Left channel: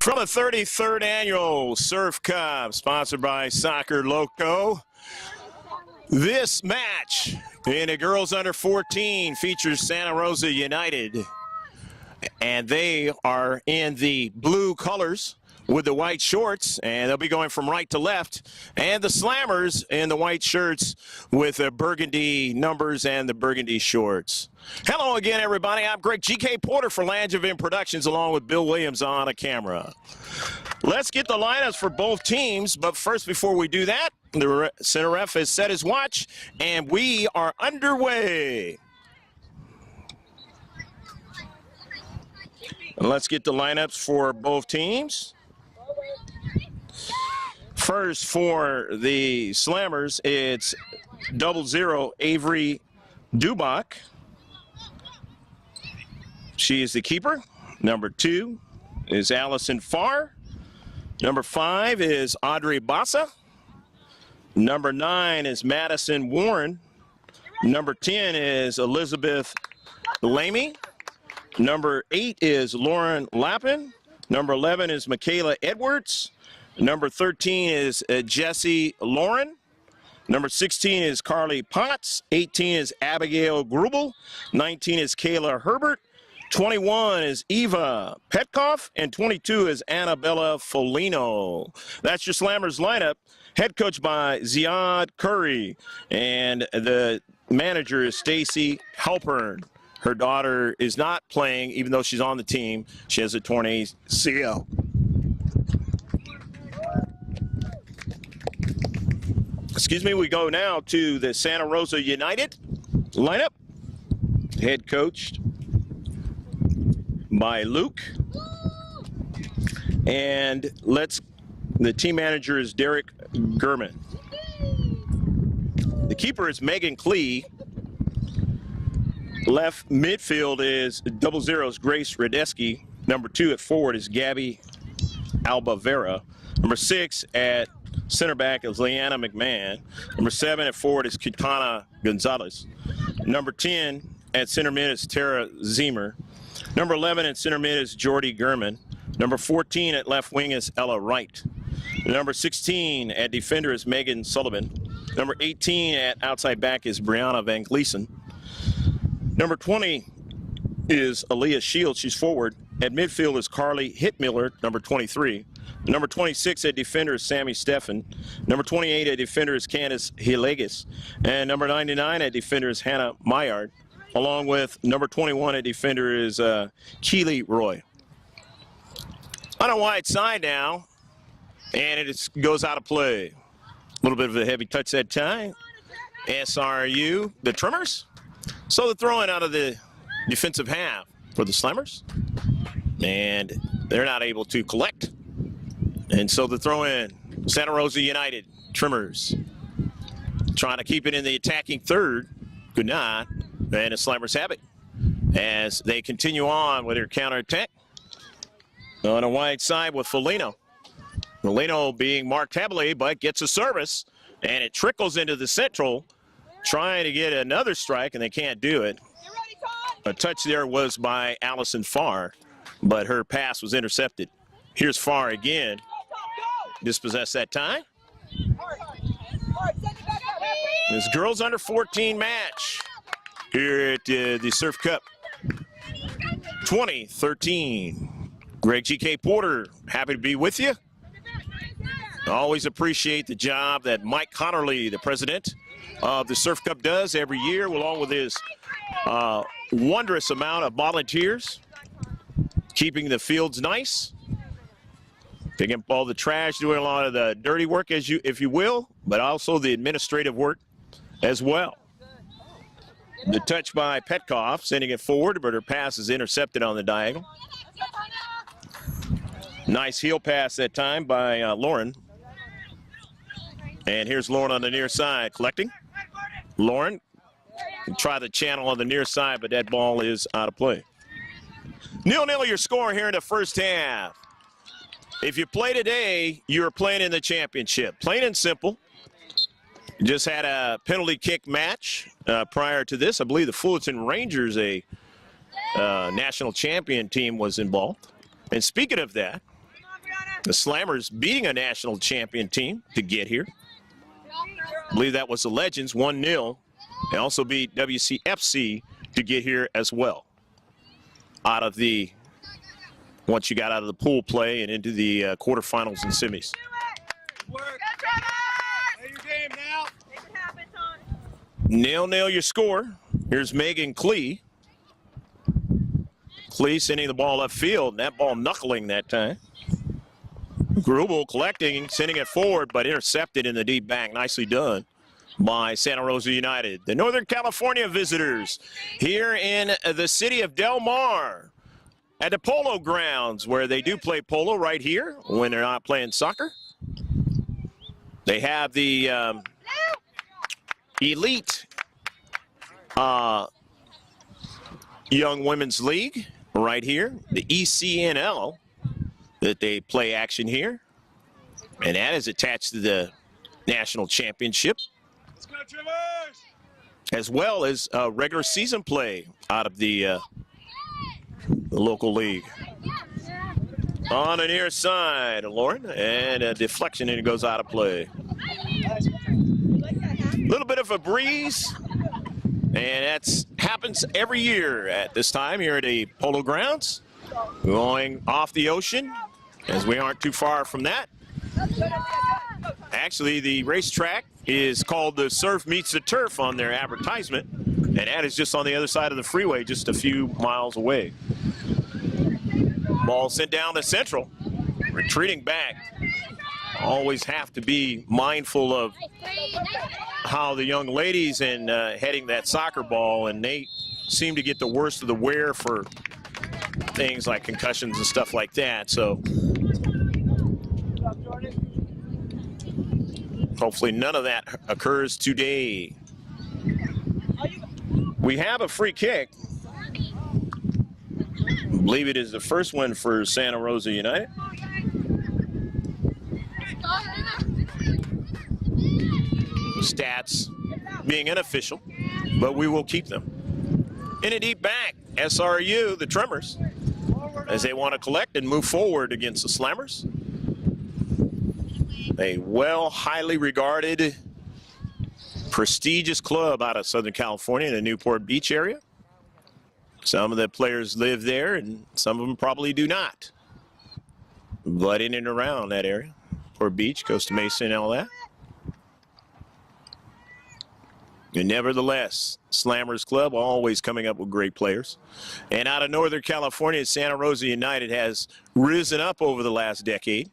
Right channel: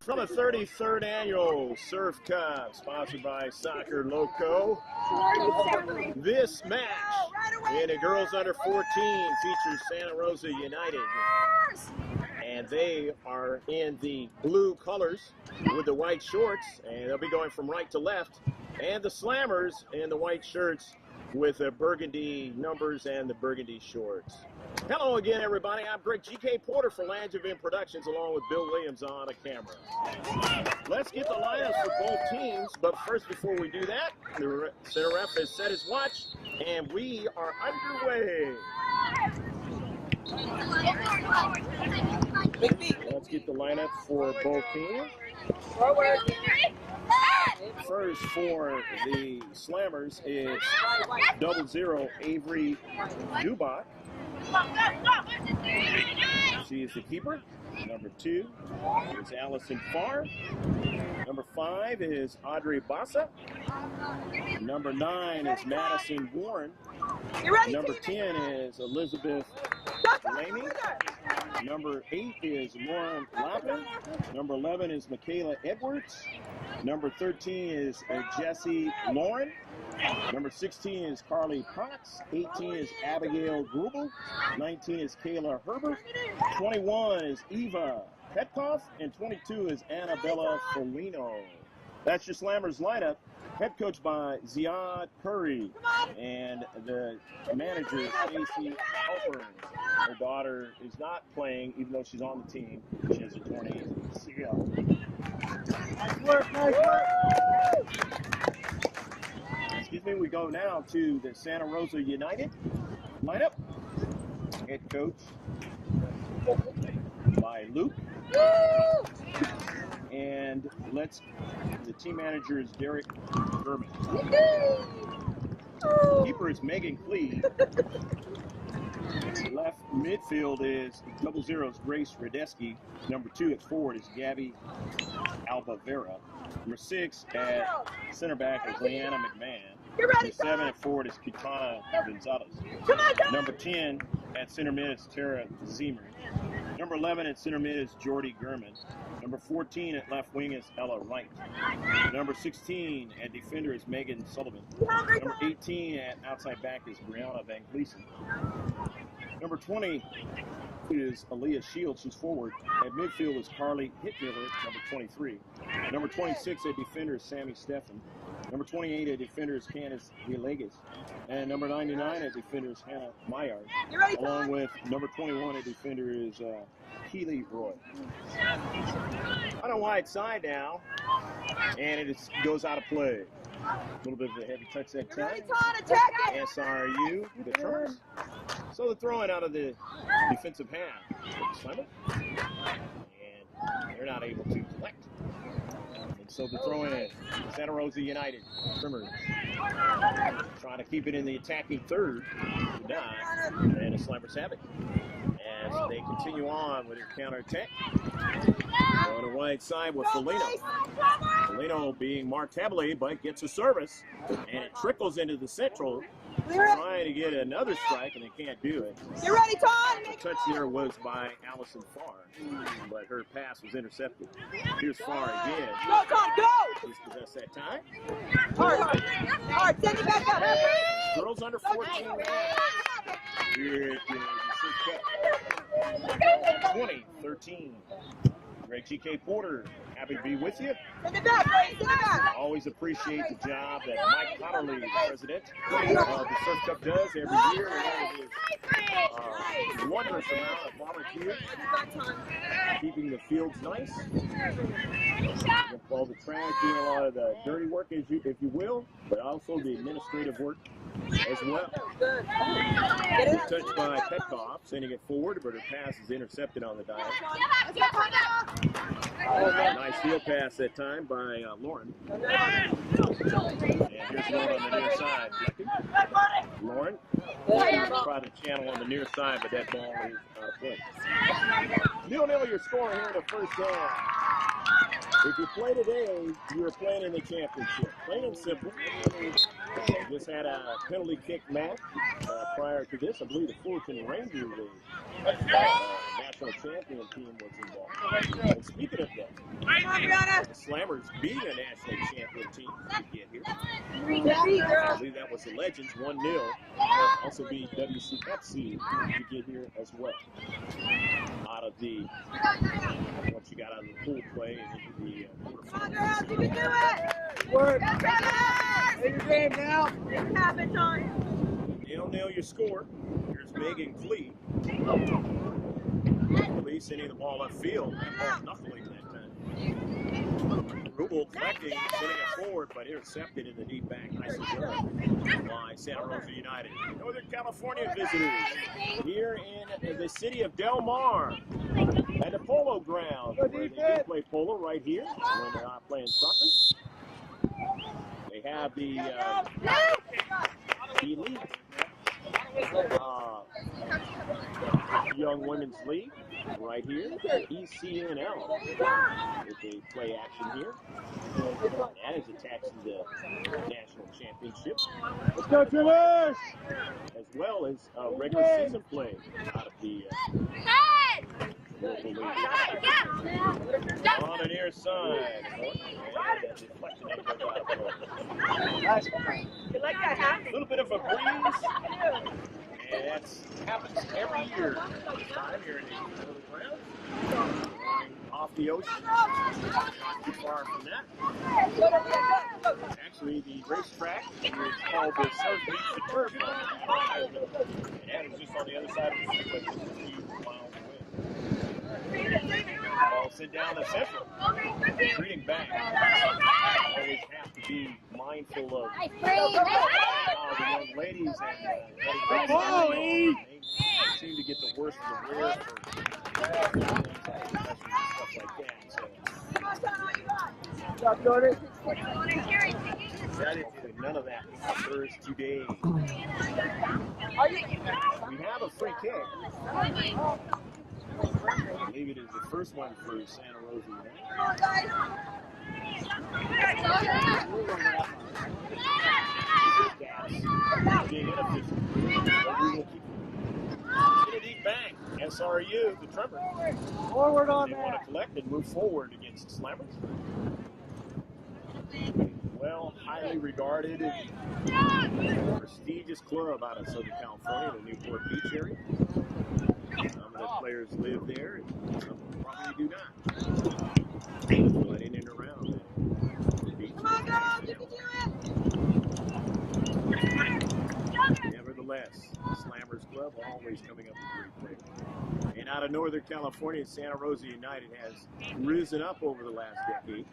From the 33rd Annual Surf Cup, sponsored by Soccer Loco, this match in the girls under 14 features Santa Rosa United, and they are in the blue colors with the white shorts, and they'll be going from right to left, and the Slammers in the white shirts with the burgundy numbers and the burgundy shorts. Hello again, everybody. I'm Greg G.K. Porter for Langevin Productions, along with Bill Williams on a camera. Let's get the lineups for both teams, but first, before we do that, the center ref has set his watch, and we are underway. Let's get the lineups for both teams. First, for the Slammers, it's 00 Avery Dubach. She is the keeper. Number 2 is Allison Farr. Number 5 is Audrey Bassa. Number 9 is Madison Warren. Number 10 is Elizabeth Lamy. Number 8 is Lauren Lappin. Number 11 is Michaela Edwards. Number 13 is Jessie Lauren. Number 16 is Carly Potts. 18 is Abigail Grubel. 19 is Kayla Herbert. 21 is Eva Petkoff. And 22 is Annabella Folino. That's your Slammers lineup. Head coach by Ziad Curry. And the manager is Stacy Halpern. Her daughter is not playing, even though she's on the team. She has a torn ACL. Excuse me, we go now to the Santa Rosa United lineup. Head coached by Luke. And the team manager is Derek Gurman. The keeper is Megan Klee. Left midfield is 00's Grace Radeski. Number 2 at forward is Gabby Albavera. Number 6 at center back is Leanna McMahon. Number 7 at forward is Kitana Gonzalez. Number 10 at center mid is Tara Zemer. Number 11 at center mid is Jordy Gurman. Number 14 at left wing is Ella Wright. Number 16 at defender is Megan Sullivan. Number 18 at outside back is Brianna Van Gleason. Number 20 is Aaliyah Shields. She's forward. At midfield is Carly Hitmiller, number 23. Number 26 at defender is Sammy Steffen. Number 28 at defender is Candace Hilegis. And number 99 at defender is Hannah Mayard. Along with number 21 at defender is Keely Roy. On a wide side now, and it goes out of play. A little bit of a heavy touch that time. SRU, the Tremors. So the throw-in out of the defensive half for the Slammers. And they're not able to collect. And so the throw-in, Santa Rosa United, Tremors. Trying to keep it in the attacking third. Good night. And the Slammers have it as they continue on with their counterattack. On a wide side with Folino. Folino being marked heavily, but gets a service. And it trickles into the central. Trying to get another strike, and they can't do it. You ready, Todd? A touch there was by Allison Farr, but her pass was intercepted. Here's Farr again. Go, Todd, go! Dispossessed that time. Hard, send it back up. This girls under 14 match here at the Surf Cup 2013. Greg G.K. Porter, happy to be with you. Send it back, send it back. Always appreciate the job that Mike Connerly, the president of the Surf Cup, does every year, along with his wondrous amount of volunteers, keeping the fields nice, picking up all the trash, doing a lot of the dirty work, if you will, but also the administrative work as well. The touch by Petkoff, sending it forward, but her pass is intercepted on the diagonal. Nice heel pass that time by Lauren. And here's Lauren on the near side collecting. Lauren, try the channel on the near side, but that ball is out of play. 0-0 your score here in the first half. If you play today, you're playing in the championship. Plain and simple. Just had a penalty kick match prior to this. I believe the Fullerton Rangers, a national champion team was involved. And speaking of that, the Slammers beating a national champion team to get here. I believe that was the Legends, 1-0. They also beat WCFC to get here as well. Once you got out of the pool play and into the quarterfinals and semis. 0-0 your score. Here's Megan Klee. Klee sending the ball upfield. That ball knuckling that time. Grubel collecting, sending it forward, but intercepted in the deep back. Nicely done by Santa Rosa United. The Northern California visitors here in the city of Del Mar at the Polo Grounds, where they do play polo right here when they're not playing soccer. They have the elite Young Women's League right here, the ECNL, that they play action here. And that is attached to the national championship. Let's go, Tremors! As well as regular season play out of the local league. On the near side, Lauren, and a deflection, and it goes out of play. A little bit of a breeze, and that happens every year at this time here at the Polo Grounds. Going off the ocean, as we aren't too far from that. Actually, the racetrack is called the Surf Meets the Turf on their advertisement, and that is just on the other side of the freeway, just a few miles away. Ball sent down to Central, retreating back. Always have to be mindful of how the young ladies and heading that soccer ball, and they seem to get the worst of the wear for things like concussions and stuff like that. So hopefully none of that occurs today. We have a free kick. I believe it is the first one for Santa Rosa United. Stats being unofficial, but we will keep them. In a deep back, SRU, the Tremors, as they want to collect and move forward against the Slammers. A highly regarded, prestigious club out of Southern California in the Newport Beach area. Some of the players live there, and some of them probably do not. But in and around that area, Newport Beach, Costa Mesa, and all that. And nevertheless, Slammers Club always coming up with great players. And out of Northern California, Santa Rosa United has risen up over the last decade,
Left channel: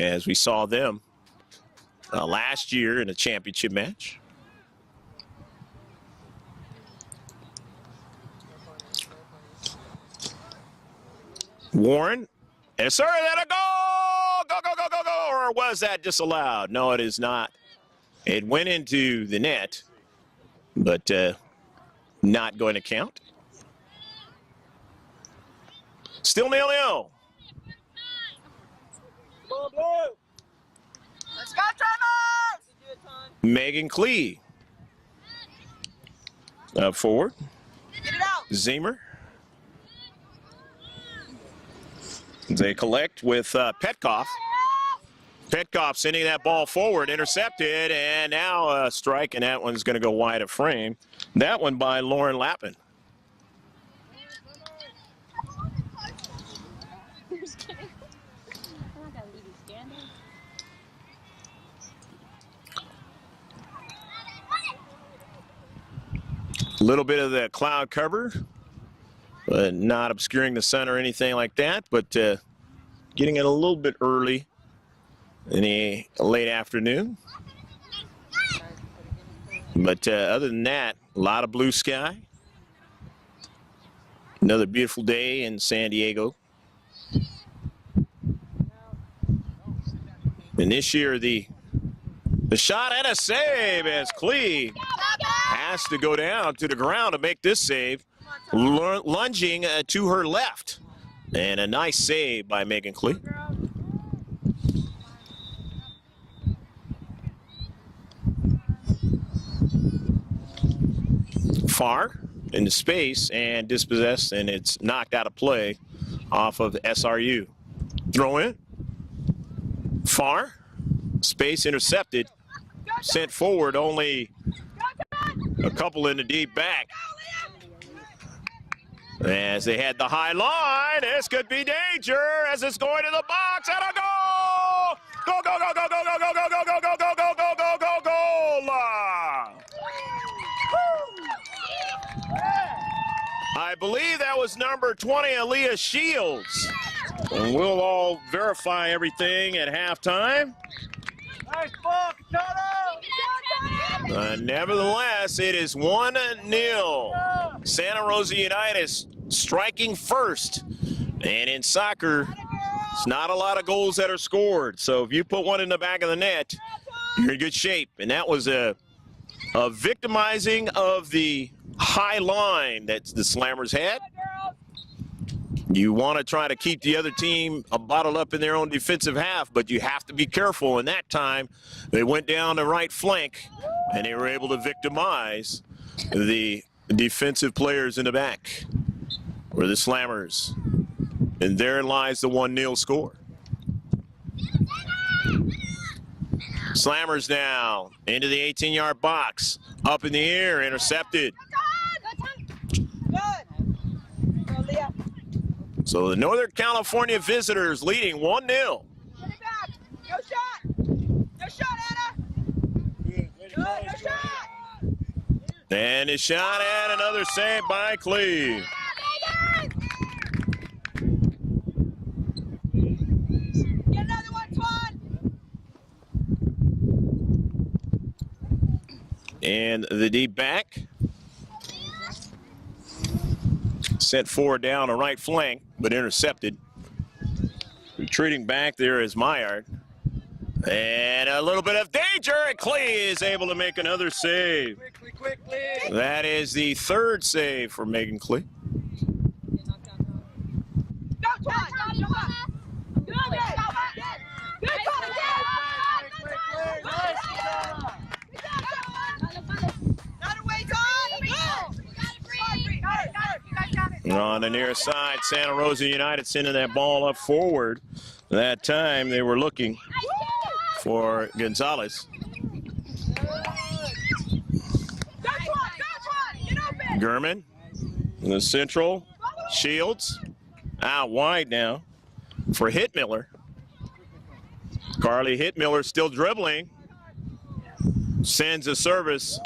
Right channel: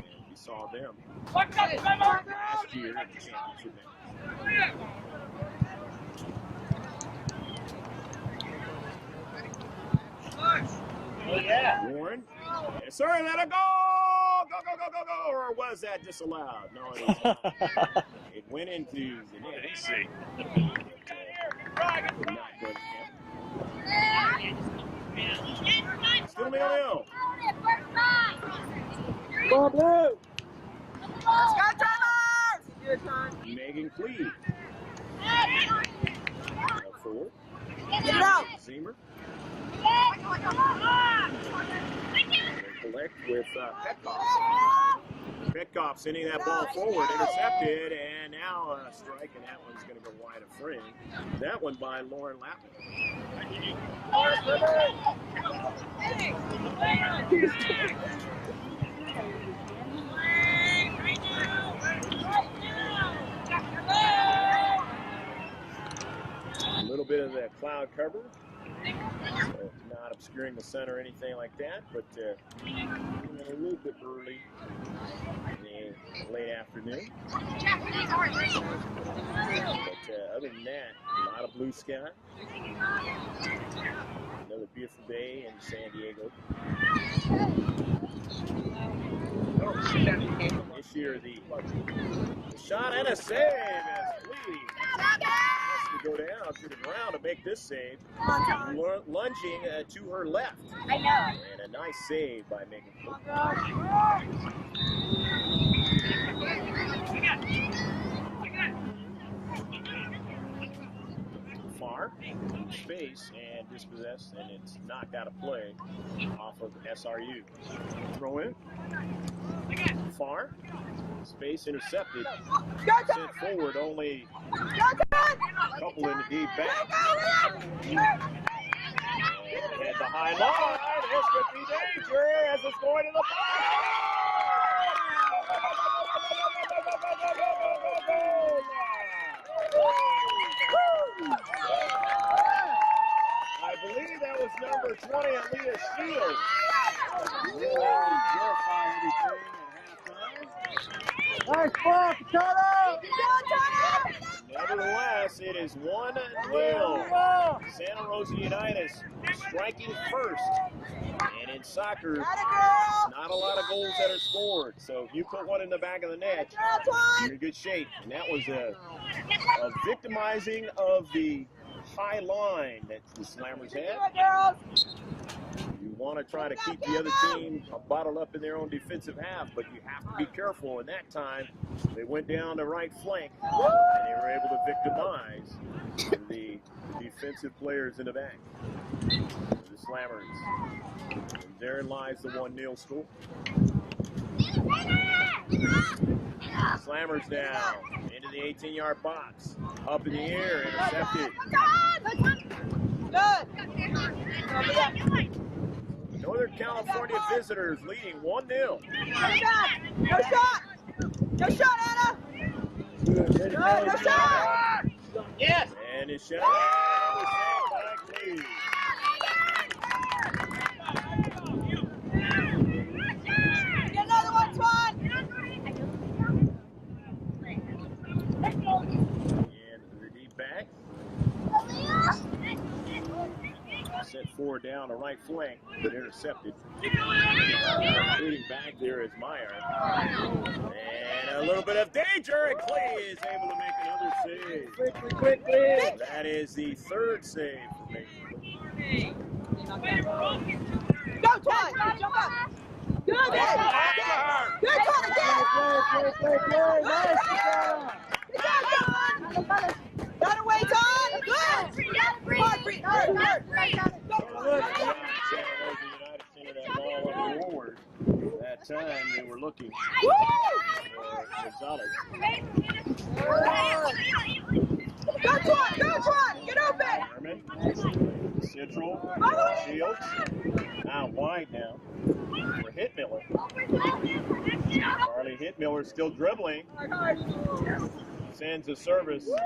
as we saw them last year in a championship match. Warren, sorry, that a goal! Go, go, go, go, go! Or was that disallowed? No, it is not. It went into the net, but not going to count. Still 0-0. Megan Klee up forward. Zemer. They collect with Petkoff. Petkoff sending that ball forward, intercepted, and now a strike, and that one's going to go wide of frame. That one by Lauren Lappin. A little bit of the cloud cover, but not obscuring the sun or anything like that, but getting it a little bit early in the late afternoon. But other than that, a lot of blue sky. Another beautiful day in San Diego. And this year, the shot and a save as Klee has to go down to the ground to make this save, lunging to her left. And a nice save by Megan Klee. Far into space and dispossessed, and it's knocked out of play off of SRU. Throw in. Far. Space intercepted. Sent forward, only a couple in the deep back. As they had the high line, this could be danger as it's going to the box and a goal! Go, go, go, go, go, go, go, go, go, go, go, go, go, go, go, go, goal! I believe that was number 20, Aaliyah Shields. And we'll all verify everything at halftime. Nice ball, Nevertheless, it is 1-0. Santa Rosa United striking first. And in soccer, it's not a lot of goals that are scored. So if you put one in the back of the net, you're in good shape. And that was a victimizing of the high line that the Slammers had. You want to try to keep the other team bottled up in their own defensive half, but you have to be careful. And that time, they went down the right flank, and they were able to victimize the defensive players in the back for the Slammers. And therein lies the 1-0 score. Slammers now into the 18-yard box. Up in the air, intercepted. So the Northern California visitors leading 1-0. No shot! No shot, Anna! No shot! Yes. And a shot and another save by Cleve. Get another one, Swan! And the deep back. Sent forward down the right flank, but intercepted. Retreating back there is Myard. And a little bit of danger, and Clay is able to make another save. That is the third save for Megan Clay. Go, Todd! Good! Good, Todd! Got away, Todd! On the near side, Santa Rosa United sending that ball up forward. That time they were looking for Gonzalez. Gurman in the central. Shields out wide now for Hitmiller. Carly Hitmiller still dribbling. Sends a service,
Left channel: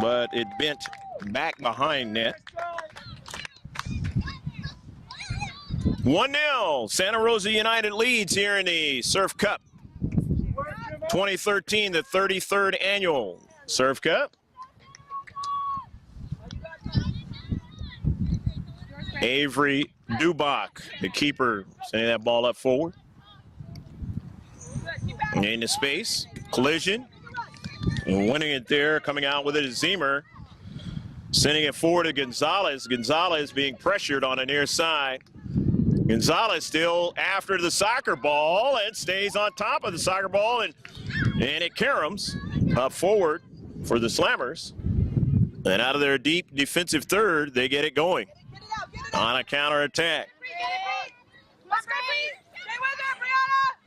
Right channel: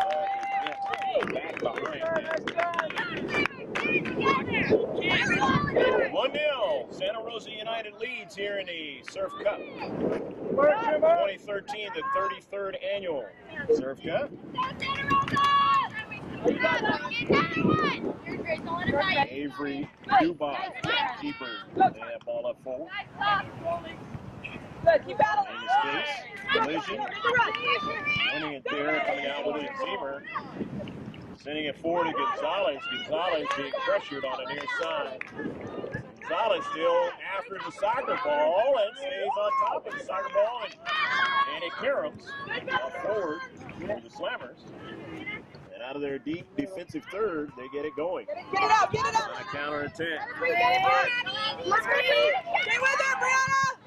but it bent back behind net. 1-0. Santa Rosa United leads here in the Surf Cup 2013, the 33rd annual Surf Cup. Avery Dubach, the keeper, sending that ball up forward. Into space, collision, winning it there, coming out with it is Zemer. Sending it forward to Gonzalez. Gonzalez being pressured on the near side. Gonzalez still after the soccer ball and stays on top of the soccer ball, and it caroms up forward for the Slammers. And out of their deep defensive third, they get it going on a counterattack.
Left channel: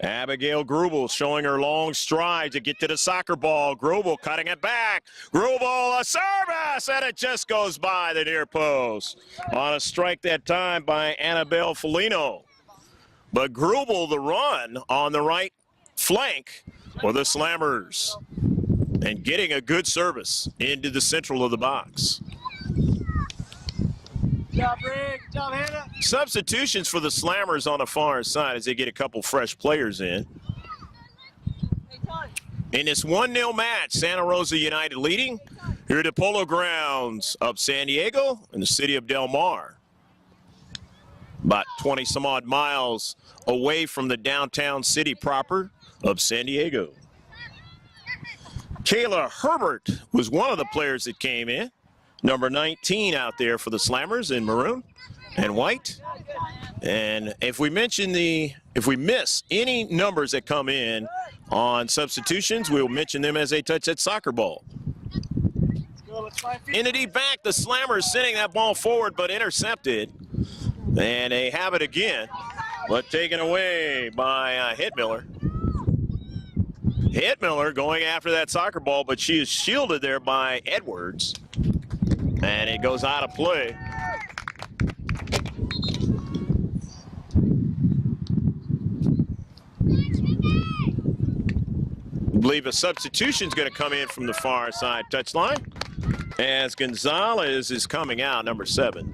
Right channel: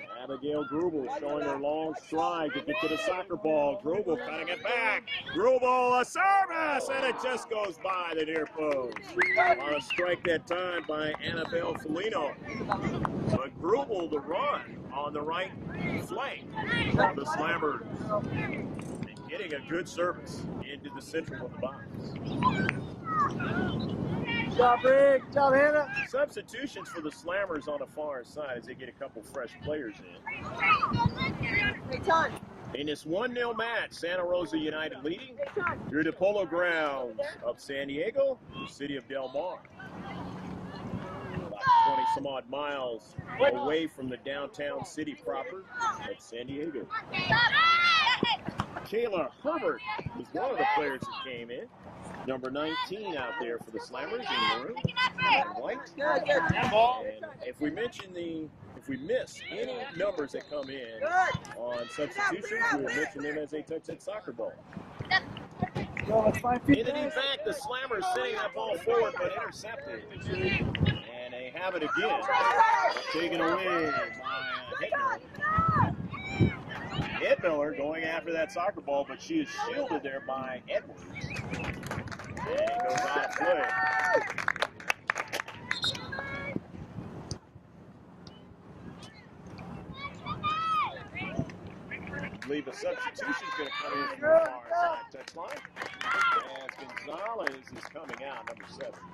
Abigail Grubel showing her long stride to get to the soccer ball. Grubel cutting it back. Grubel, a service, and it just goes by the near post. On a strike that time by Annabelle Felino. But Grubel the run on the right flank for the Slammers. And getting a good service into the central of the box. Job, Rick. Job, Hannah. Substitutions for the Slammers on the far side as they get a couple fresh players in. In this 1-0 match, Santa Rosa United leading here at the Polo Grounds of San Diego in the city of Del Mar. About 20 some odd miles away from the downtown city proper of San Diego. Kayla Herbert was one of the players that came in. Number 19 out there for the Slammers in maroon and white. And if we miss any numbers that come in on substitutions, we'll mention them as they touch that soccer ball. In the deep back, the Slammers sending that ball forward, but intercepted. And they have it again, but taken away by Hitmiller. Hitmiller going after that soccer ball, but she is shielded there by Edwards. And it goes out of play. I believe a substitution is going to come in from the far side touchline as Gonzalez is coming out, number 7.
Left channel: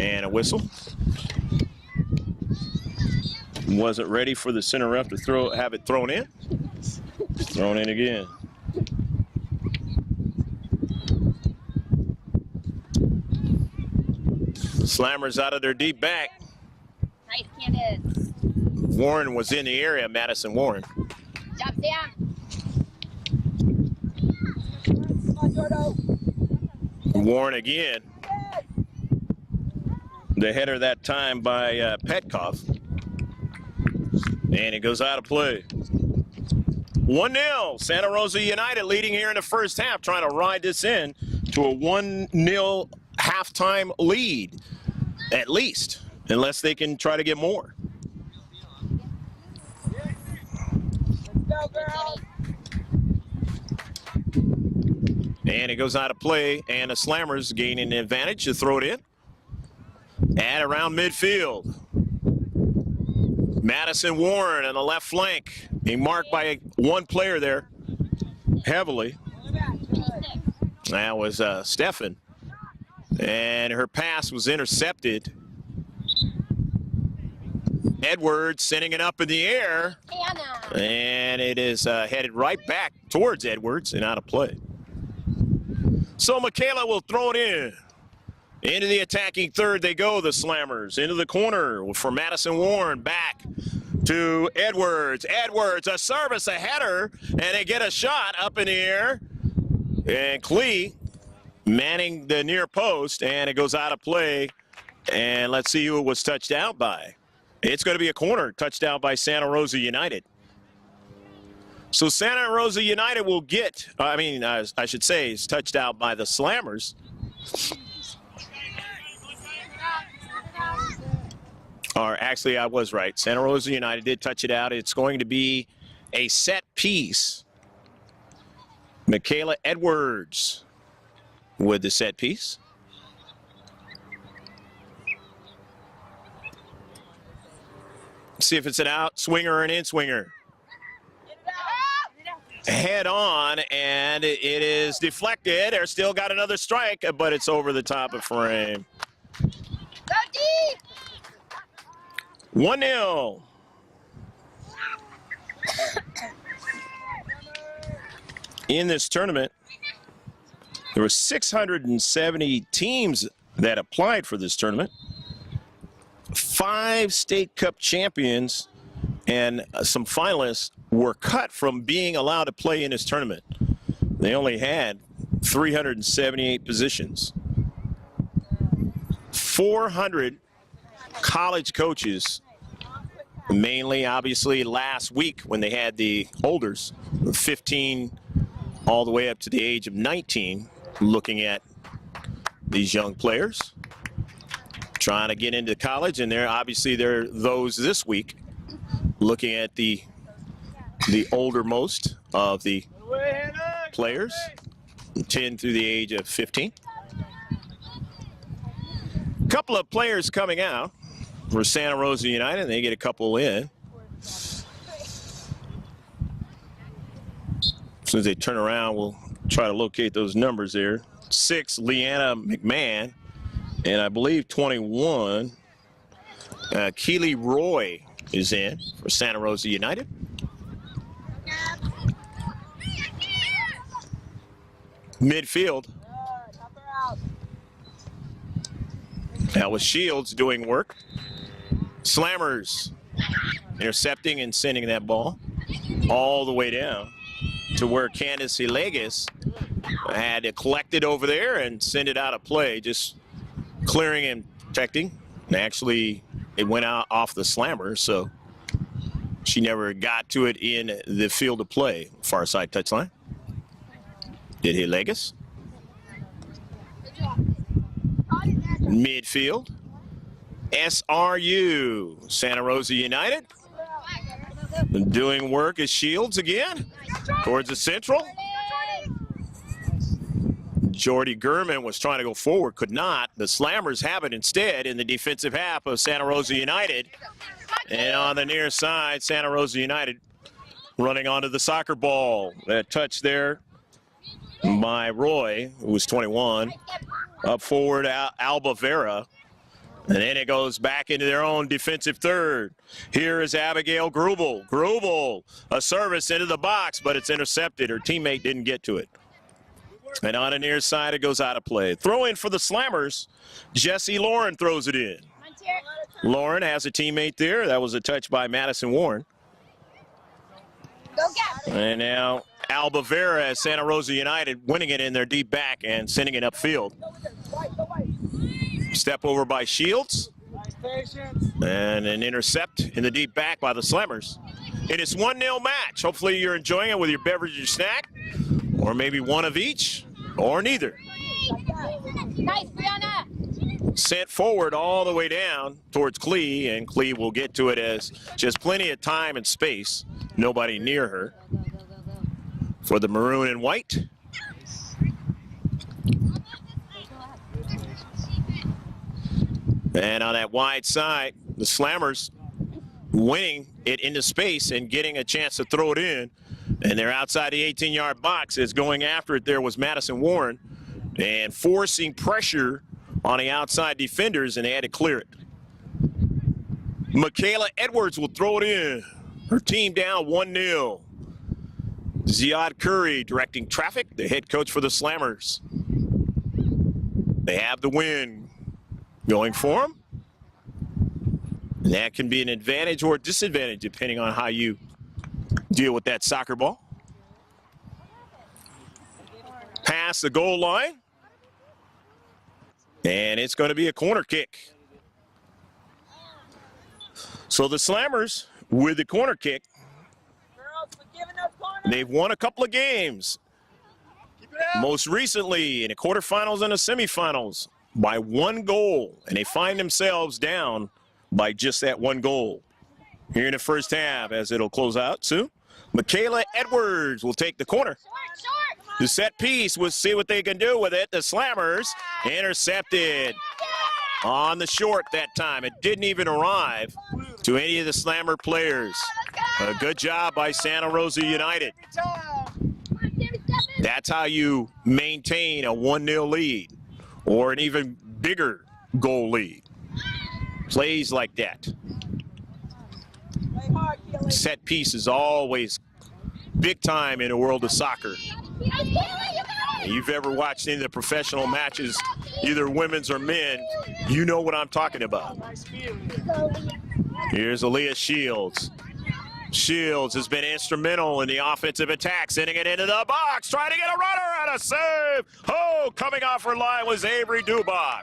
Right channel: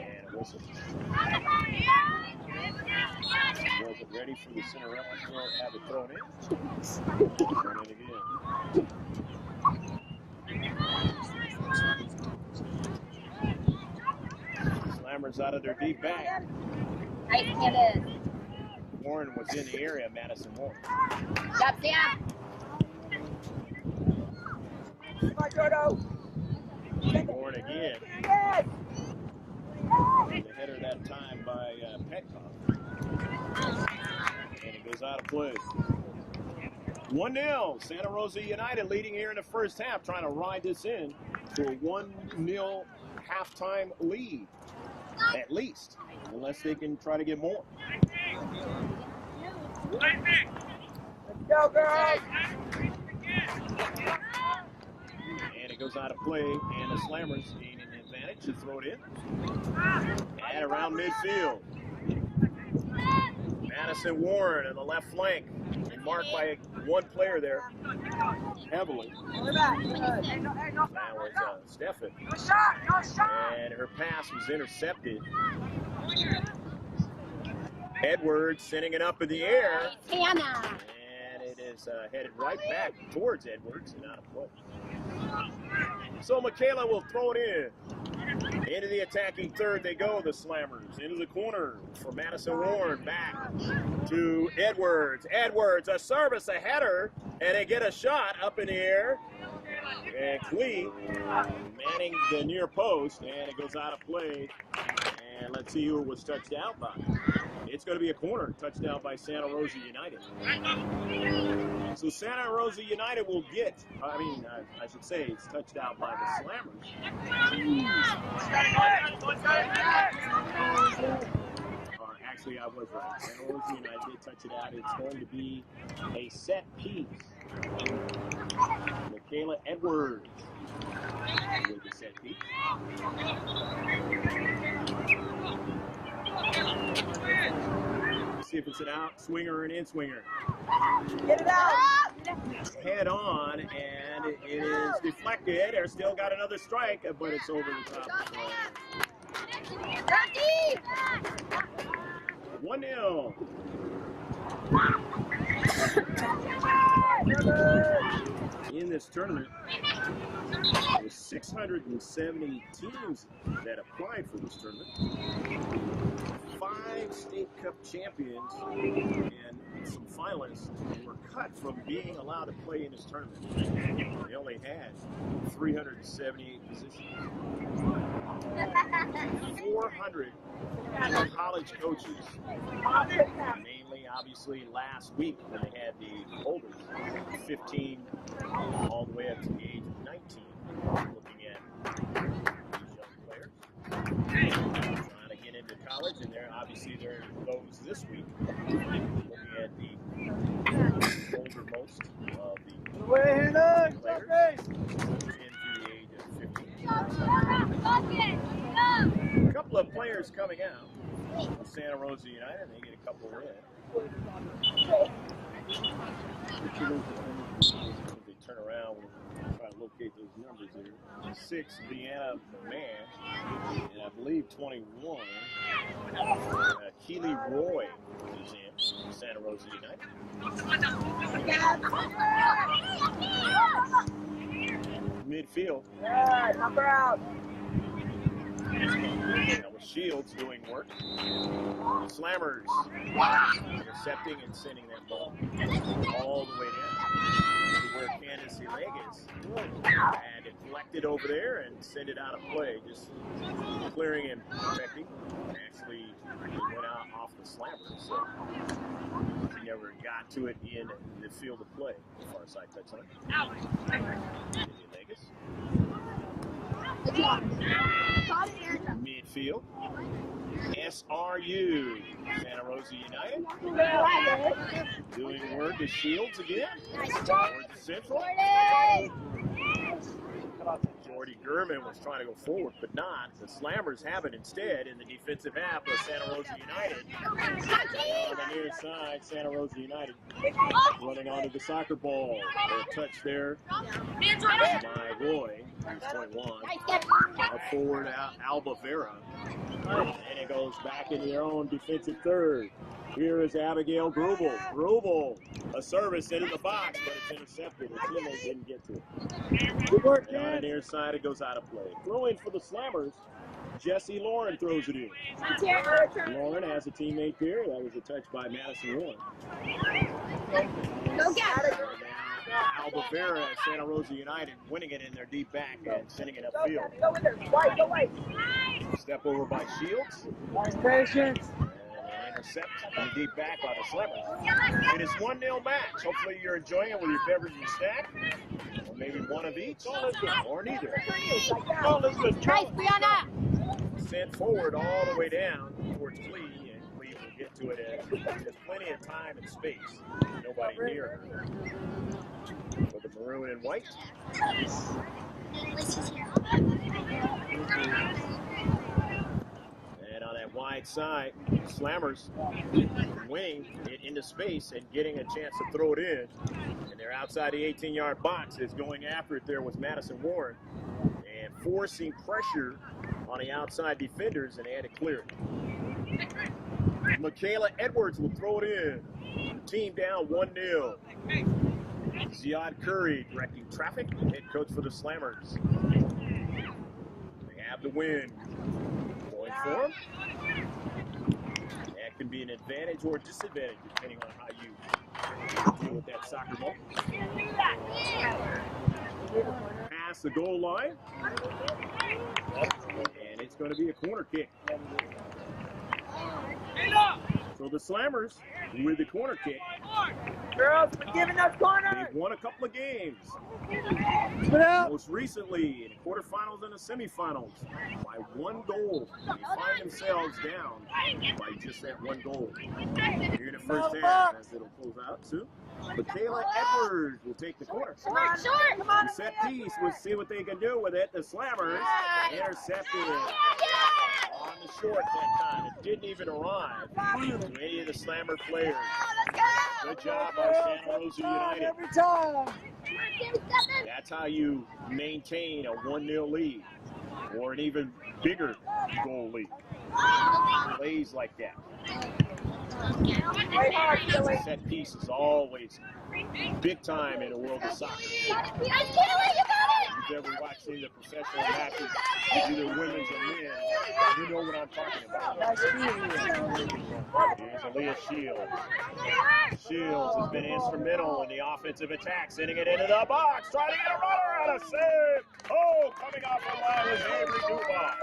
And a whistle. Wasn't ready for the center ref to have it thrown in. Thrown in again. Slammers out of their deep back. Warren was in the area, Madison Warren. Warren again. The header that time by Petkoff. And it goes out of play. 1-0, Santa Rosa United leading here in the first half, trying to ride this in to a 1-0 halftime lead, at least, unless they can try to get more. Go, girls. And it goes out of play, and the Slammers gaining an advantage to throw it in. And around midfield. Madison Warren on the left flank. Being marked by one player there heavily. That was Stefan. And her pass was intercepted. Edwards sending it up in the air. And it is headed right back towards Edwards and out of play. So Michaela will throw it in. Into the attacking third they go, the Slammers. Into the corner for Madison Warren. Back to Edwards. Edwards, a service, a header, and they get a shot up in the air. And Klee manning the near post, and it goes out of play. And let's see who it was touched out by. It's going to be a corner touched out by Santa Rosa United. So Santa Rosa United will get, I should say, is touched out by the Slammers. Or actually, I was right. Santa Rosa United did touch it out. It's going to be a set piece. Michaela Edwards with the set piece. See if it's an out swinger or an in swinger. Get it out. Head on, and it is deflected. They're still got another strike, but it's over the top of frame. 1-0. In this tournament, there were 670 teams that applied for this tournament. 5 state cup champions and some finalists were cut from being allowed to play in this tournament. They only had 378 positions. 400 college coaches, mainly obviously last week when they had the holders, 15 all the way up to the age of 19, looking at these young players trying to get into college, and there are those this week looking at the oldermost of the players, 10 through the age of 15. A couple of players coming out for Santa Rosa United, and they get a couple in. As soon as they turn around, we'll try to locate those numbers there. 6, Leanna McMahon, and I believe 21, Keely Roy is in for Santa Rosa United. Midfield. That was Shields doing work. Slammers intercepting and sending that ball all the way down to where Candace Ilegas had to collect it over there and send it out of play. Just clearing and protecting. And actually, it went out off the slammer, so she never got to it in the field of play. Far side touchline. Did hit Legas. Midfield. SRU, Santa Rosa United. Doing work as Shields again. Towards the central. Jordy Gurman was trying to go forward, could not. The Slammers have it instead in the defensive half of Santa Rosa United. And on the near side, Santa Rosa United running onto the soccer ball. That touch there by Roy, who was 21. Up forward, Alba Vera. And then it goes back into their own defensive third. Here is Abigail Grubel. Grubel, a service into the box, but it's intercepted. Her teammate didn't get to it. And on the near side, it goes out of play. Throw in for the Slammers. Jesse Lauren throws it in. Lauren has a teammate there. That was a touch by Madison Warren. And now Alba Vera as Santa Rosa United winning it in their deep back and sending it upfield. Step over by Shields. And an intercept in the deep back by the Slammers. It is 1-0 match. Hopefully you're enjoying it with your beverage or snack. Or maybe one of each, or neither. Nice, Brianna. Sent forward all the way down towards Clee, and Clee will get to it as just plenty of time and space. Nobody near her. For the maroon and white. And on that wide side, the Slammers winning it into space and getting a chance to throw it in. And they're outside the 18-yard box. As going after it there was Madison Warren and forcing pressure on the outside defenders, and they had to clear it. Michaela Edwards will throw it in. Her team down 1-0. Ziad Curry directing traffic, the head coach for the Slammers. They have the win going for them. And that can be an advantage or a disadvantage depending on how you deal with that soccer ball. Past the goal line. And it's going to be a corner kick. So the Slammers with the corner kick. They've won a couple of games. Most recently in the quarterfinals and the semifinals by 1 goal. And they find themselves down by just that 1 goal. Here in the first half as it'll close out soon. Michaela Edwards will take the corner. The set piece, we'll see what they can do with it. The Slammers intercepted on the short that time. It didn't even arrive to any of the Slammer players. A good job by Santa Rosa United. That's how you maintain a 1-0 lead or an even bigger goal lead. Plays like that. Set piece is always big time in the world of soccer. If you've ever watched any of the professional matches, either women's or men, you know what I'm talking about. Here's Aaliyah Shields. Shields has been instrumental in the offensive attack, sending it into the box, trying to get a runner and a save. Oh, coming off her line was Avery Dubach.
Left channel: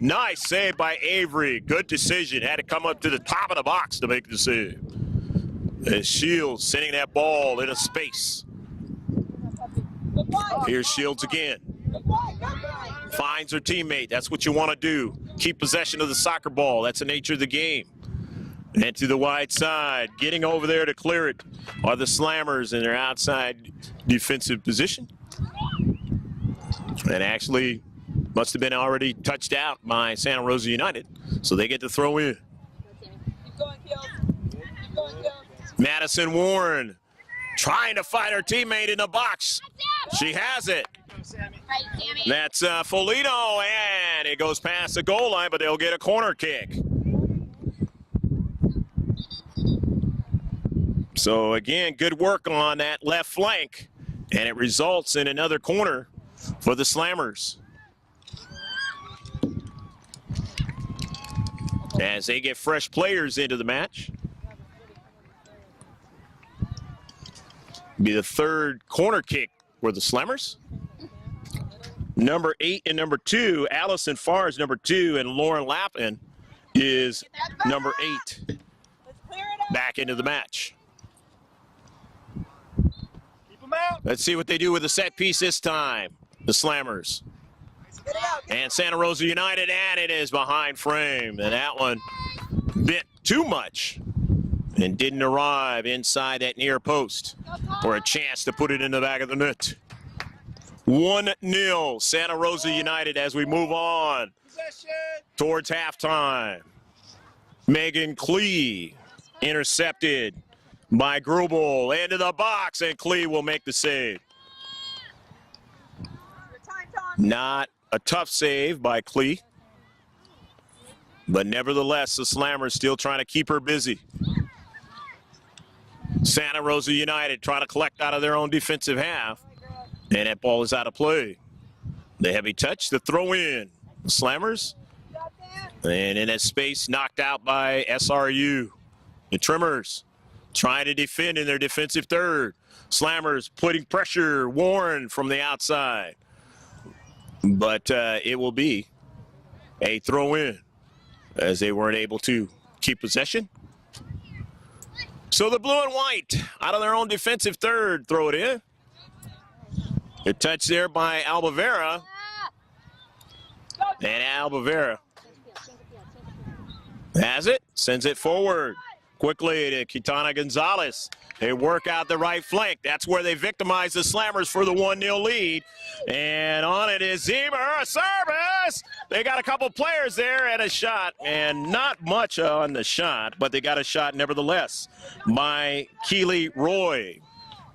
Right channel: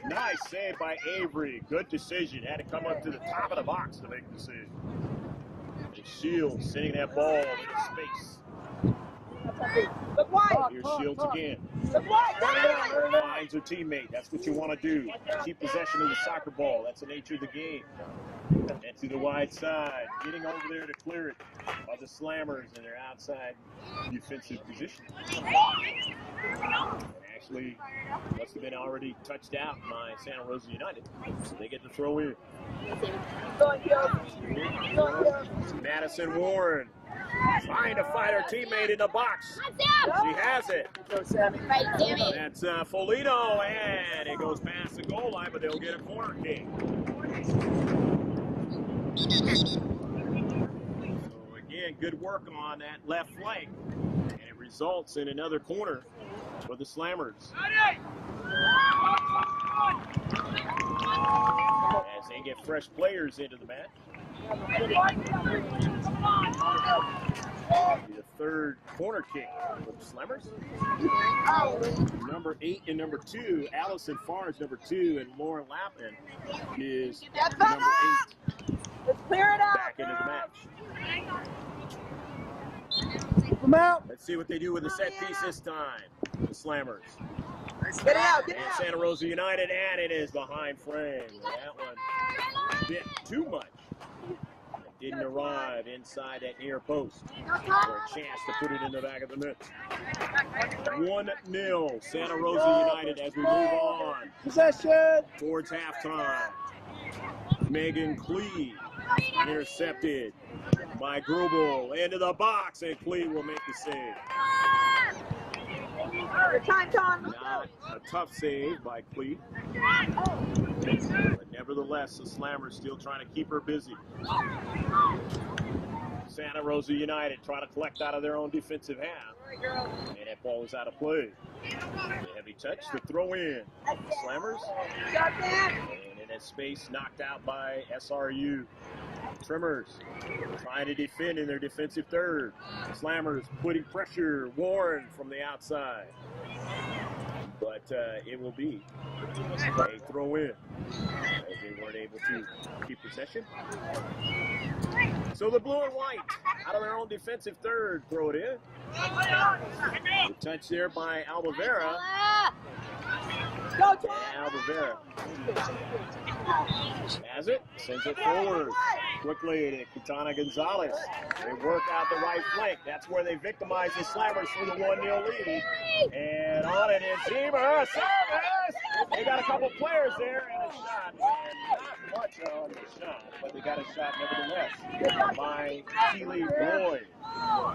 Nice save by Avery. Good decision. Had to come up to the top of the box to make the save. As Shields sending that ball into space. Here's Shields again. Finds her teammate. That's what you want to do. Keep possession of the soccer ball. That's the nature of the game. And to the wide side, getting over there to clear it are the Slammers in their outside defensive position. And actually must have been already touched out by Santa Rosa United, so they get to throw in. Madison Warren trying to find her teammate in the box. She has it. That's Folino, and it goes past the goal line, but they'll get a corner kick. So again, good work on that left flank, and it results in another corner for the Slammers. As they get fresh players into the match. Be the third corner kick for the Slammers. Number 8 and number 2, Allison Farr is number 2, and Lauren Lappin is number 8. Let's clear it out. Back into the match. Come out. Let's see what they do with the set piece this time. The Slammers. Get it out. Get it And out. Santa Rosa United, and it is behind frame. And that one bit too much and didn't arrive inside that near post for a chance to put it in the back of the net. 1-0 Santa Rosa United as we move on Possession. towards halftime. Megan Klee intercepted by Grubel into the box, and Klee will make the save. Your time, Tom. Not a tough save by Klee, but nevertheless, the Slammers still trying to keep her busy. Santa Rosa United trying to collect out of their own defensive half, and that ball is out of play. The heavy touch, the throw in. Slammers, and in that space, knocked out by SRU. The Tremors trying to defend in their defensive third. Slammers putting pressure, Warren from the outside. But it will be a throw in as they weren't able to keep possession. So the blue and white out of their own defensive third throw it in. The touch there by Albavera. And Albavera has it, sends it forward quickly to Kitana Gonzalez. They work out the right flank. That's where they victimize the Slammers for the 1-0 lead. And on it is Zieber, a service! They got a couple players there and a shot, and not much on the shot, but they got a shot nevertheless by Keely Roy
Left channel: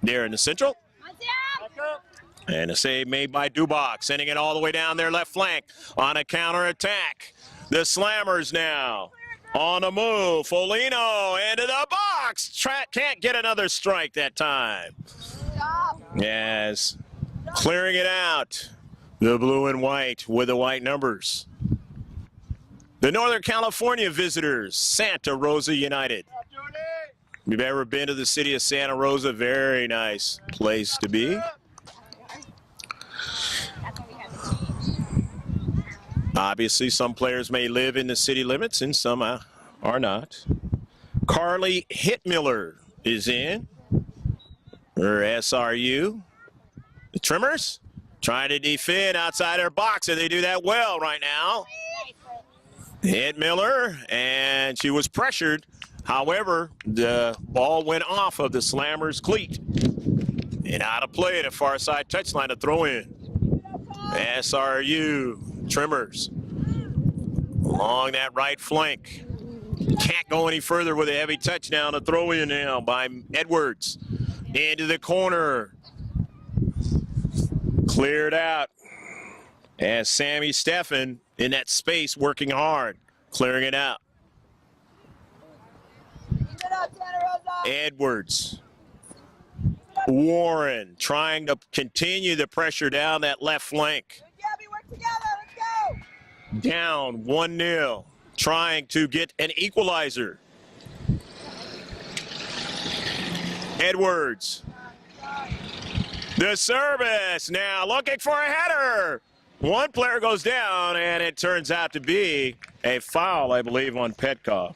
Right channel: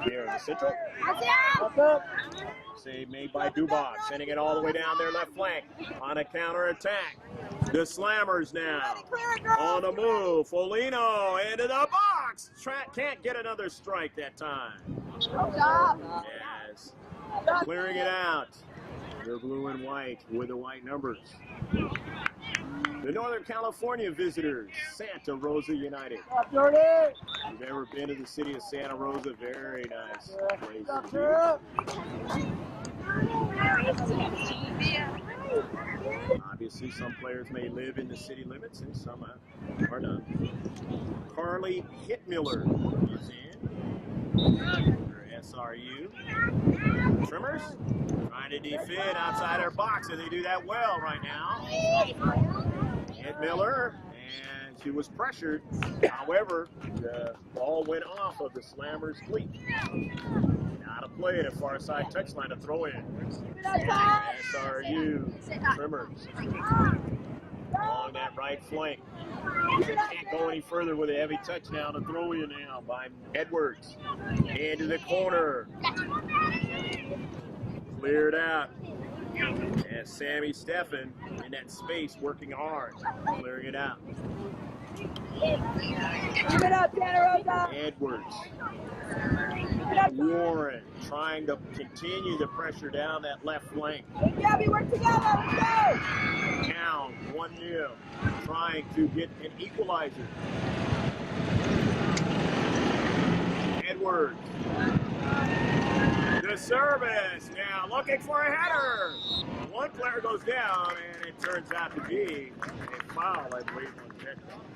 there in the central. And a save made by Dubach, sending it all the way down their left flank on a counterattack. The Slammers now on the move. Folino into the box. Can't get another strike that time. Yes, clearing it out. The blue and white with the white numbers. The Northern California visitors, Santa Rosa United. If you've ever been to the city of Santa Rosa, very nice place to be. Obviously, some players may live in the city limits and some are not. Carly Hitmiller is in, or SRU. The Tremors trying to defend outside their box, and they do that well right now. Hitmiller, and she was pressured. However, the ball went off of the Slammers' cleat and out of play at a far side touchline to throw in. SRU Tremors along that right flank. Can't go any further with a heavy touchdown to throw in now by Edwards. Into the corner. Cleared out. And Sammy Steffen in that space working hard, clearing it out. Keep it up, Santa Rosa. Edwards. Warren trying to continue the pressure down that left flank. Yeah, we work together. Let's go. Down 1-0, trying to get an equalizer. Edwards. The service now looking for a header. One player goes down, and it turns out to be a foul, I believe, on Petkoff.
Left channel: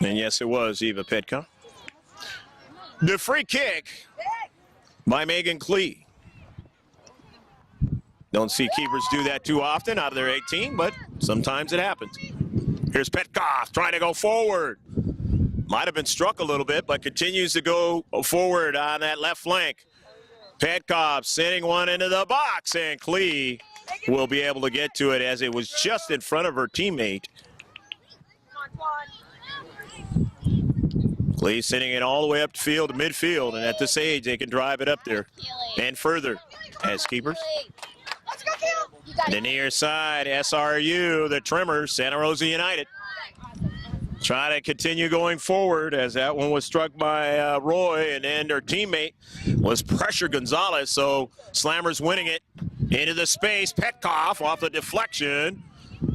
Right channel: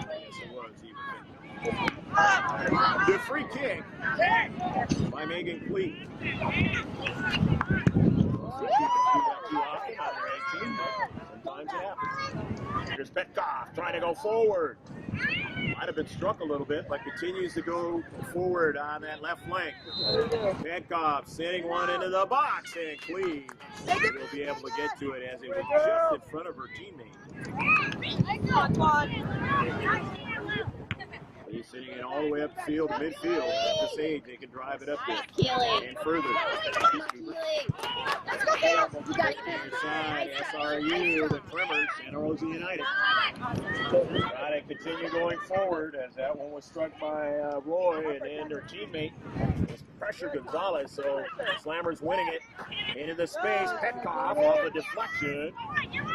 And yes, it was Eva Petkoff. The free kick by Megan Klee. Don't see keepers do that too often out of their 18, but sometimes it happens. Here's Petkoff trying to go forward. Might have been struck a little bit, but continues to go forward on that left flank. Petkoff sending one into the box, and Klee will be able to get to it as it was just in front of her teammate. Klee sending it all the way up the field to midfield, and at this age, they can drive it up there and further as keepers. The near side, SRU, the Tremors, Santa Rosa United. Try to continue going forward as that one was struck by Roy, and then their teammate was pressure Gonzalez, so Slammers winning it into the space. Petkoff off the deflection.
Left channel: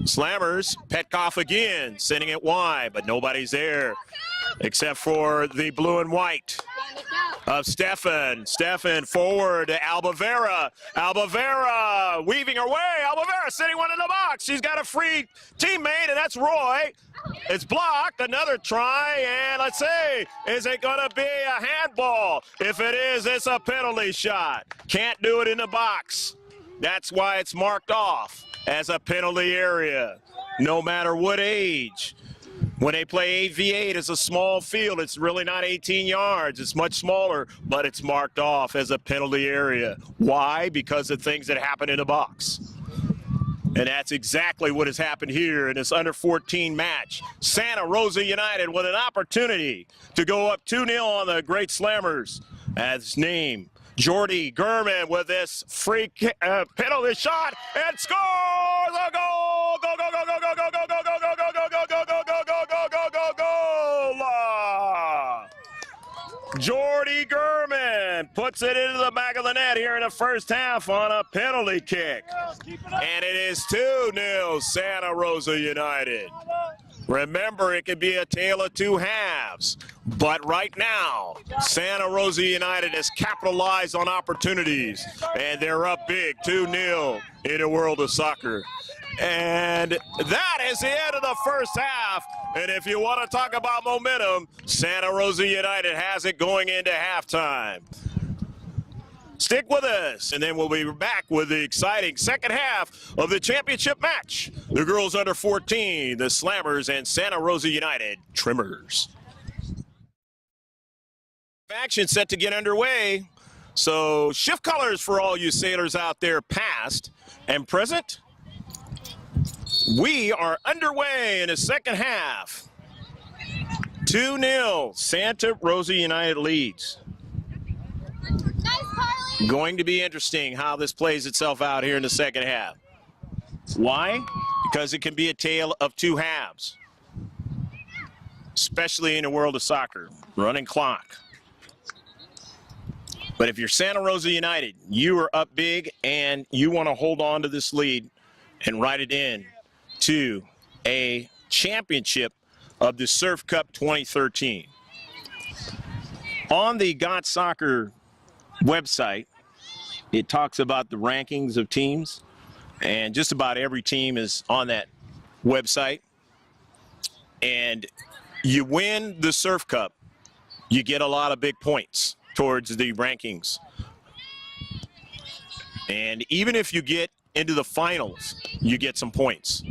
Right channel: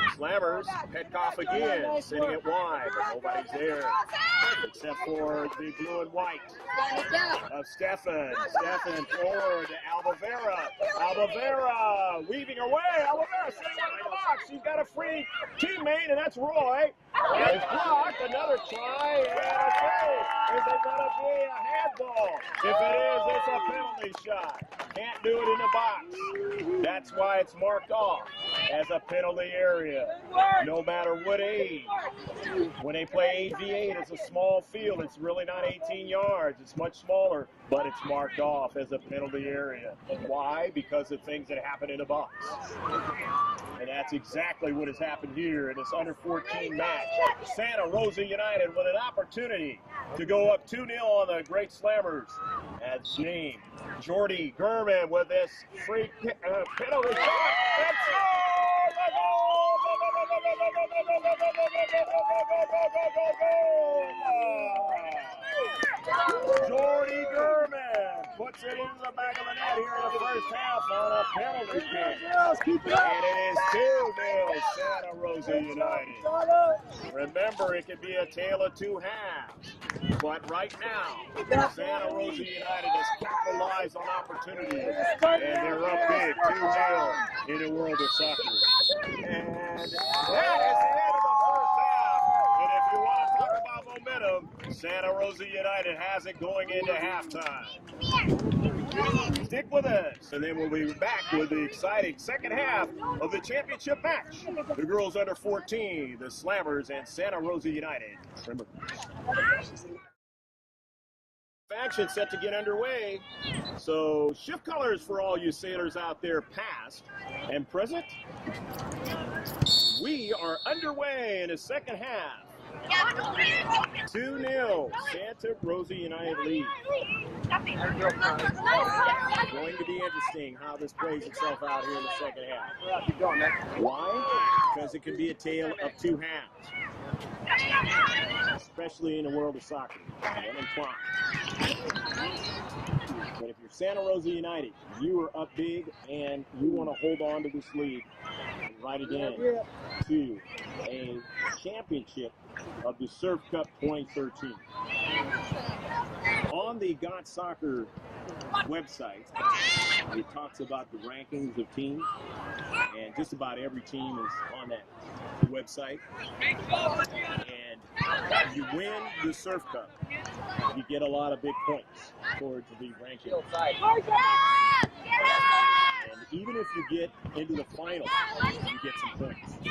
Slammers, Petkoff again, sending it wide, but nobody's there. except for the blue and white of Stefan. Stefan forward to Albavera. Albavera weaving her way. Albavera sitting one in the box. She's got a free teammate, and that's Roy. It's blocked. Another try, and let's see, is it going to be a handball? If it is, it's a penalty shot. Can't do it in the box. That's why it's marked off as a penalty area, no matter what age. When they play 8v8, it's a small field. It's really not 18 yards. It's much smaller, but it's marked off as a penalty area. Why? Because of things that happen in the box. And that's exactly what has happened here in this under 14 match. Santa Rosa United with an opportunity to go up 2-0 on the Great Slammers. As name, Jordy Gurman with this free penalty shot and scores a goal! Go, go, go, go, go, go, go, go, go, go, go, go, go, go, go, go, go, go, Jordy Gurman puts it into the back of the net here in the first half on a penalty kick. And it is 2-0 Santa Rosa United. Remember, it could be a tale of two halves. But right now, Santa Rosa United has capitalized on opportunities. And they're up big, 2-0 in the world of soccer. And that is the end of the first half. And if you want to talk about momentum, Santa Rosa United has it going into halftime. Stick with us, and then we'll be back with the exciting second half of the championship match. The girls under 14, the Slammers, and Santa Rosa United, Tremors. Action set to get underway. So shift colors for all you sailors out there, past and present. We are underway in the second half. 2-0, Santa Rosa United leads. Going to be interesting how this plays itself out here in the second half. Why? Because it can be a tale of two halves, especially in the world of soccer. Running clock. But if you're Santa Rosa United, you are up big and you want to hold on to this lead and ride it in to a championship of the Surf Cup 2013. On the Got Soccer website, it talks about the rankings of teams, and just about every team is on that website. And you win the Surf Cup, you get a lot of big points towards the rankings. And even if you get into the finals, you get some points.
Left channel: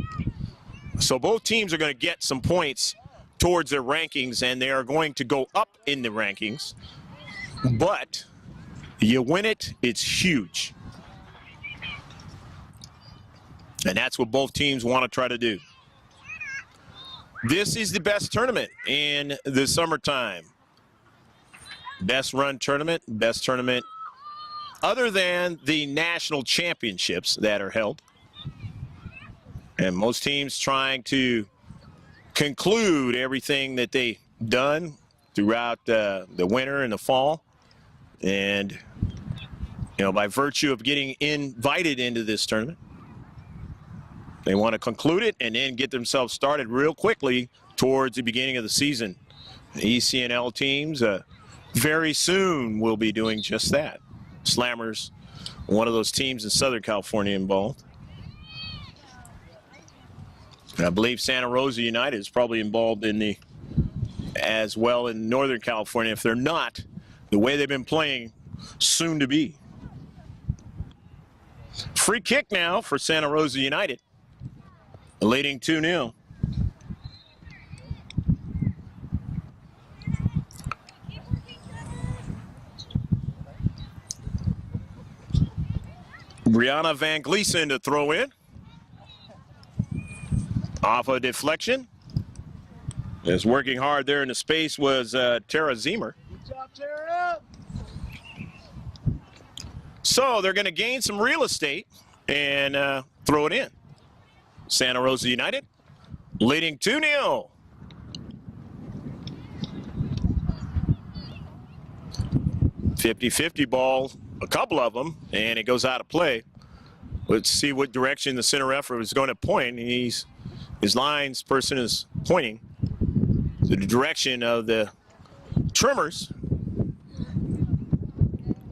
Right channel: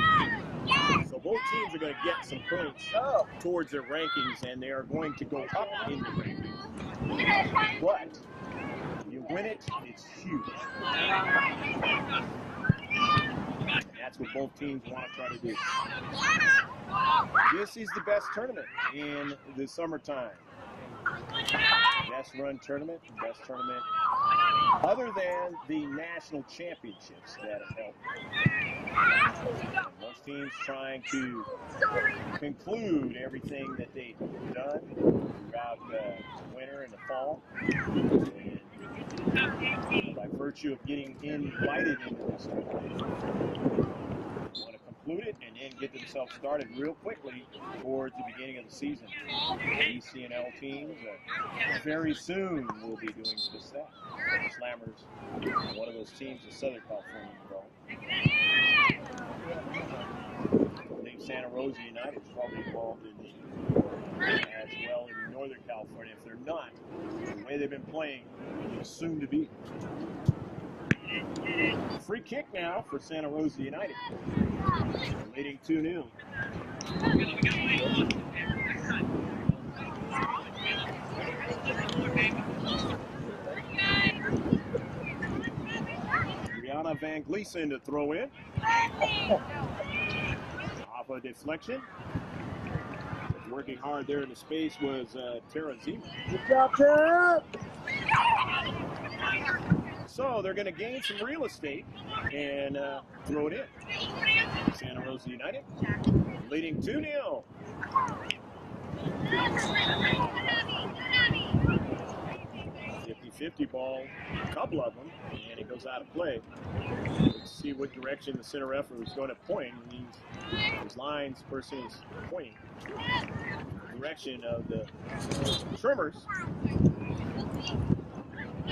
So both teams are going to get some points towards their rankings, and they are going to go up in the rankings. But you win it, it's huge. And that's what both teams want to try to do. This is the best tournament in the summertime. Best run tournament, best tournament other than the national championships that are held. And most teams trying to conclude everything that they've done throughout the winter and the fall. And, you know, by virtue of getting invited into this tournament, they want to conclude it and then get themselves started real quickly towards the beginning of the season. ECNL teams very soon will be doing just that. Slammers, one of those teams in Southern California involved. I believe Santa Rosa United is probably involved in the as well in Northern California. If they're not, the way they've been playing, soon to be. Free kick now for Santa Rosa United, leading 2-0. Brianna Van Gleason to throw in. Off a deflection. Is working hard there in the space was Tara Zemer. Good job, Tara. So they're going to gain some real estate and throw it in. Santa Rosa United leading 2-0. .50-50 ball, a couple of them, and it goes out of play. Let's see what direction the center referee is going to point. His lines person is pointing. the direction of the Tremors,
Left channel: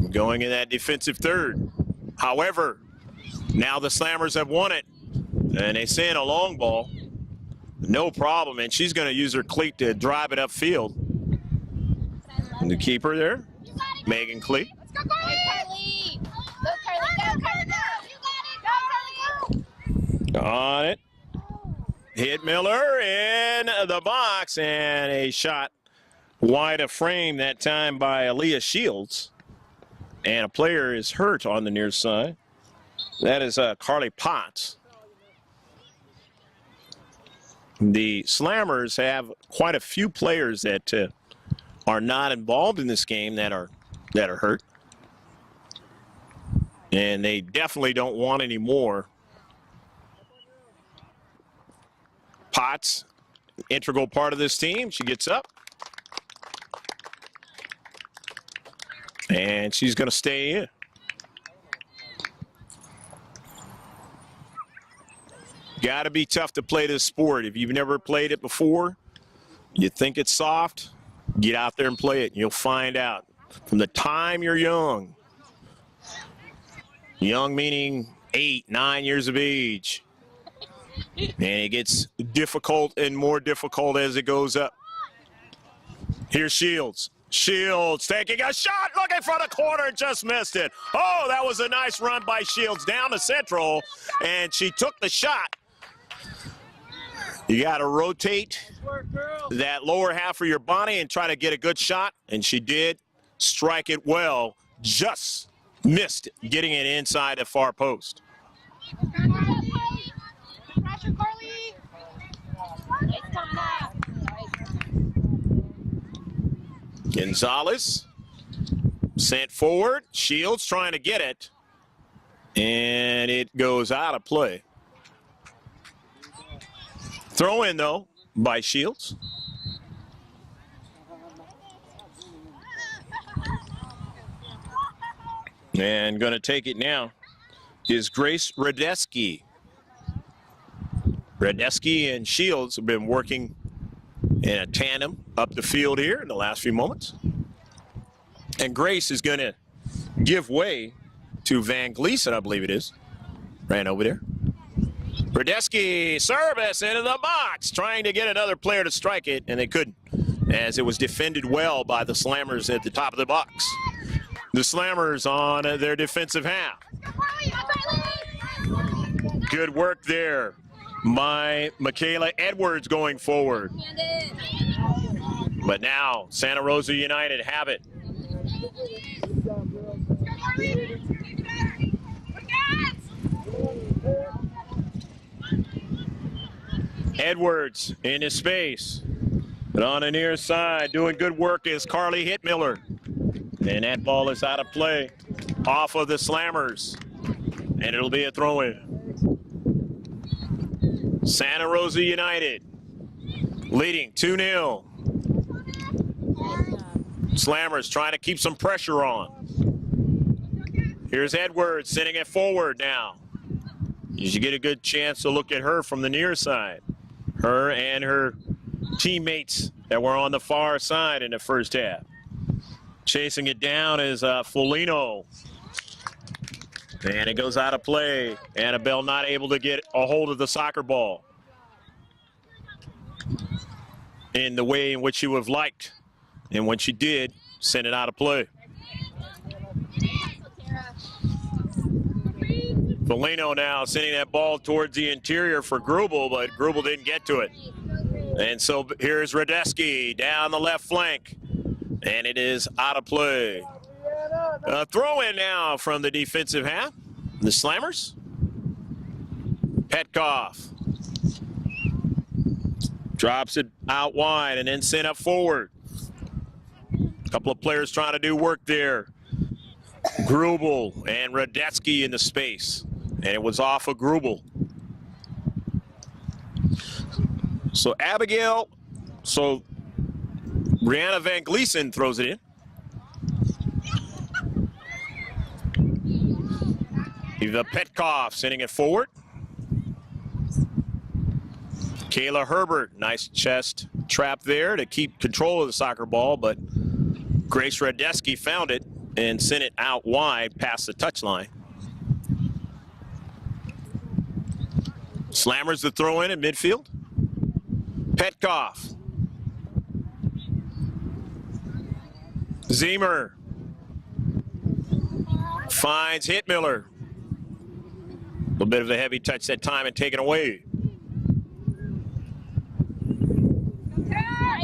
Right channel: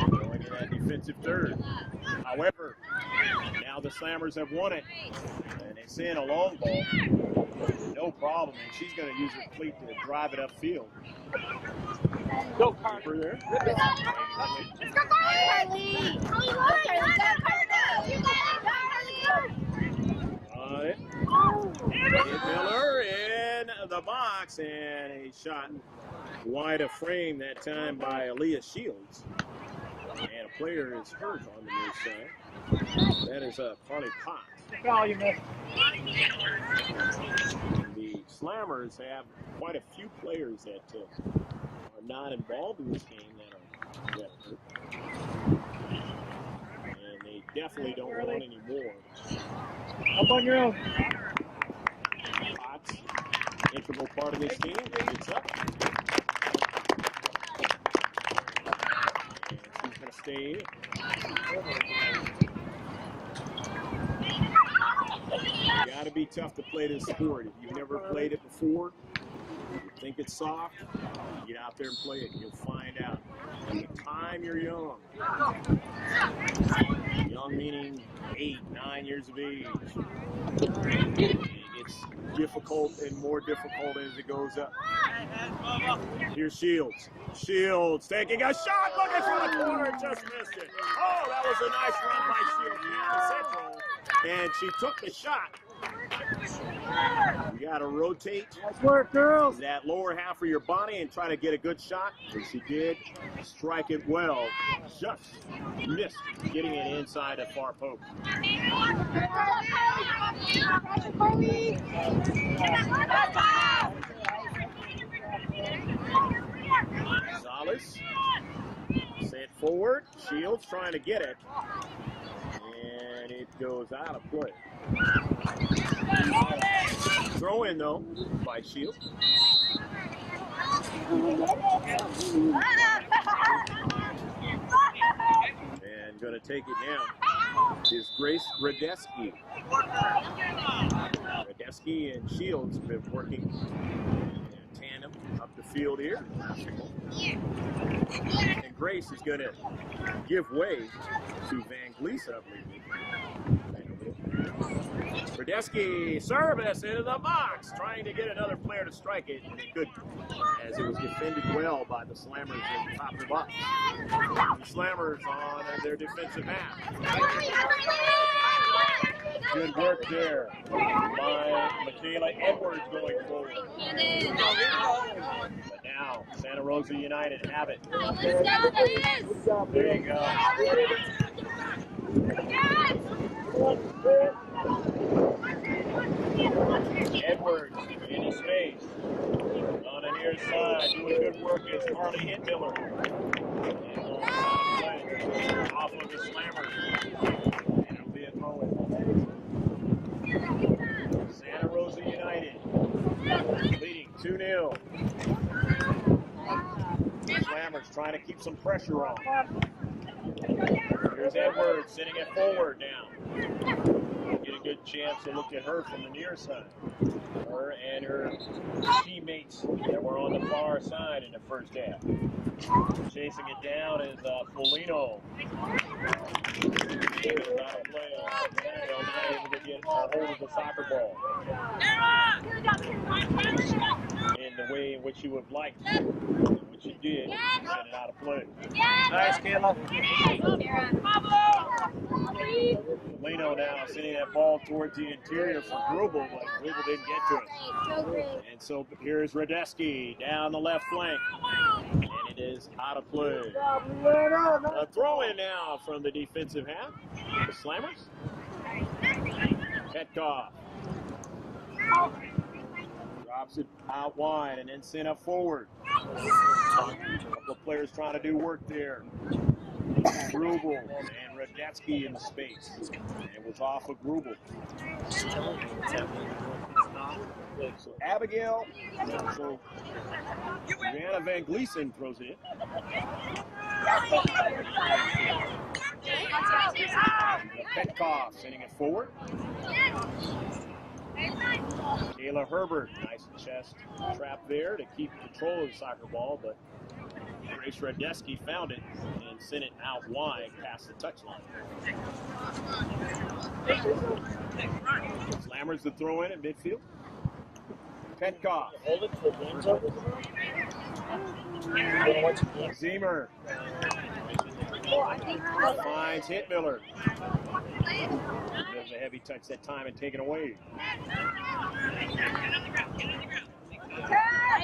going in that defensive third. However, now the Slammers have won it, and they send a long ball. No problem, and she's going to use her cleat to drive it upfield. The keeper there, Megan Cleat. On it. Hit Miller in the box, and a shot wide of frame that time by Aaliyah Shields. And a player is hurt on the near side. That is Carly Potts. The Slammers have quite a few players that are not involved in this game that are hurt. And they definitely don't want any more. Up on your own. Potts, integral part of this team. She gets up. And she's going to stay in. Got to be tough to play this sport. If you've never played it before, you think it's soft, get out there and play it, and you'll find out. From the time you're young, young meaning 8, 9 years of age, and it gets difficult and more difficult as it goes up. Here's Shields. Shields taking a shot, looking for the corner, just missed it. Oh, that was a nice run by Shields down to central, and she took the shot. You got to rotate that lower half of your body and try to get a good shot, and she did strike it well, just missed getting it inside the far post. Gonzalez sent forward. Shields trying to get it, and it goes out of play. Throw in, though, by Shields. And going to take it now is Grace Radeski. Radeski and Shields have been working in a tandem up the field here in the last few moments. And Grace is going to give way to Van Gleason, I believe it is. Ran over there. Radeski service into the box, trying to get another player to strike it, and they couldn't, as it was defended well by the Slammers at the top of the box. The Slammers on their defensive half. Good work there by Michaela Edwards going forward. But now Santa Rosa United have it. There you go. Edwards in his space. But on the near side, doing good work is Carly Hitmiller. And that ball is out of play off of the Slammers. And it'll be a throw-in. Santa Rosa United leading 2-0. Slammers trying to keep some pressure on. Here's Edwards sending it forward now. You should get a good chance to look at her from the near side. Her and her teammates that were on the far side in the first half. Chasing it down is Folino. And it goes out of play. Annabelle not able to get a hold of the soccer ball in the way in which she would have liked. And when she did, send it out of play. Nice, Kayla. Folino now sending that ball towards the interior for Grubel, but Grubel didn't get to it. And so here's Radeski down the left flank. And it is out of play. A throw in now from the defensive half. The Slammers. Petkoff drops it out wide and then sent up forward. A couple of players trying to do work there. Grubel and Radeski in the space. And it was off of Grubel. So Abigail, Brianna Van Gleason throws it in. Eva Petkoff sending it forward. Kayla Herbert, nice chest trap there to keep control of the soccer ball, but Grace Radeski found it and sent it out wide past the touchline. Slammers the throw in at midfield. Petkoff. Zemer finds Hitmiller. A little bit of a heavy touch that time and taken away.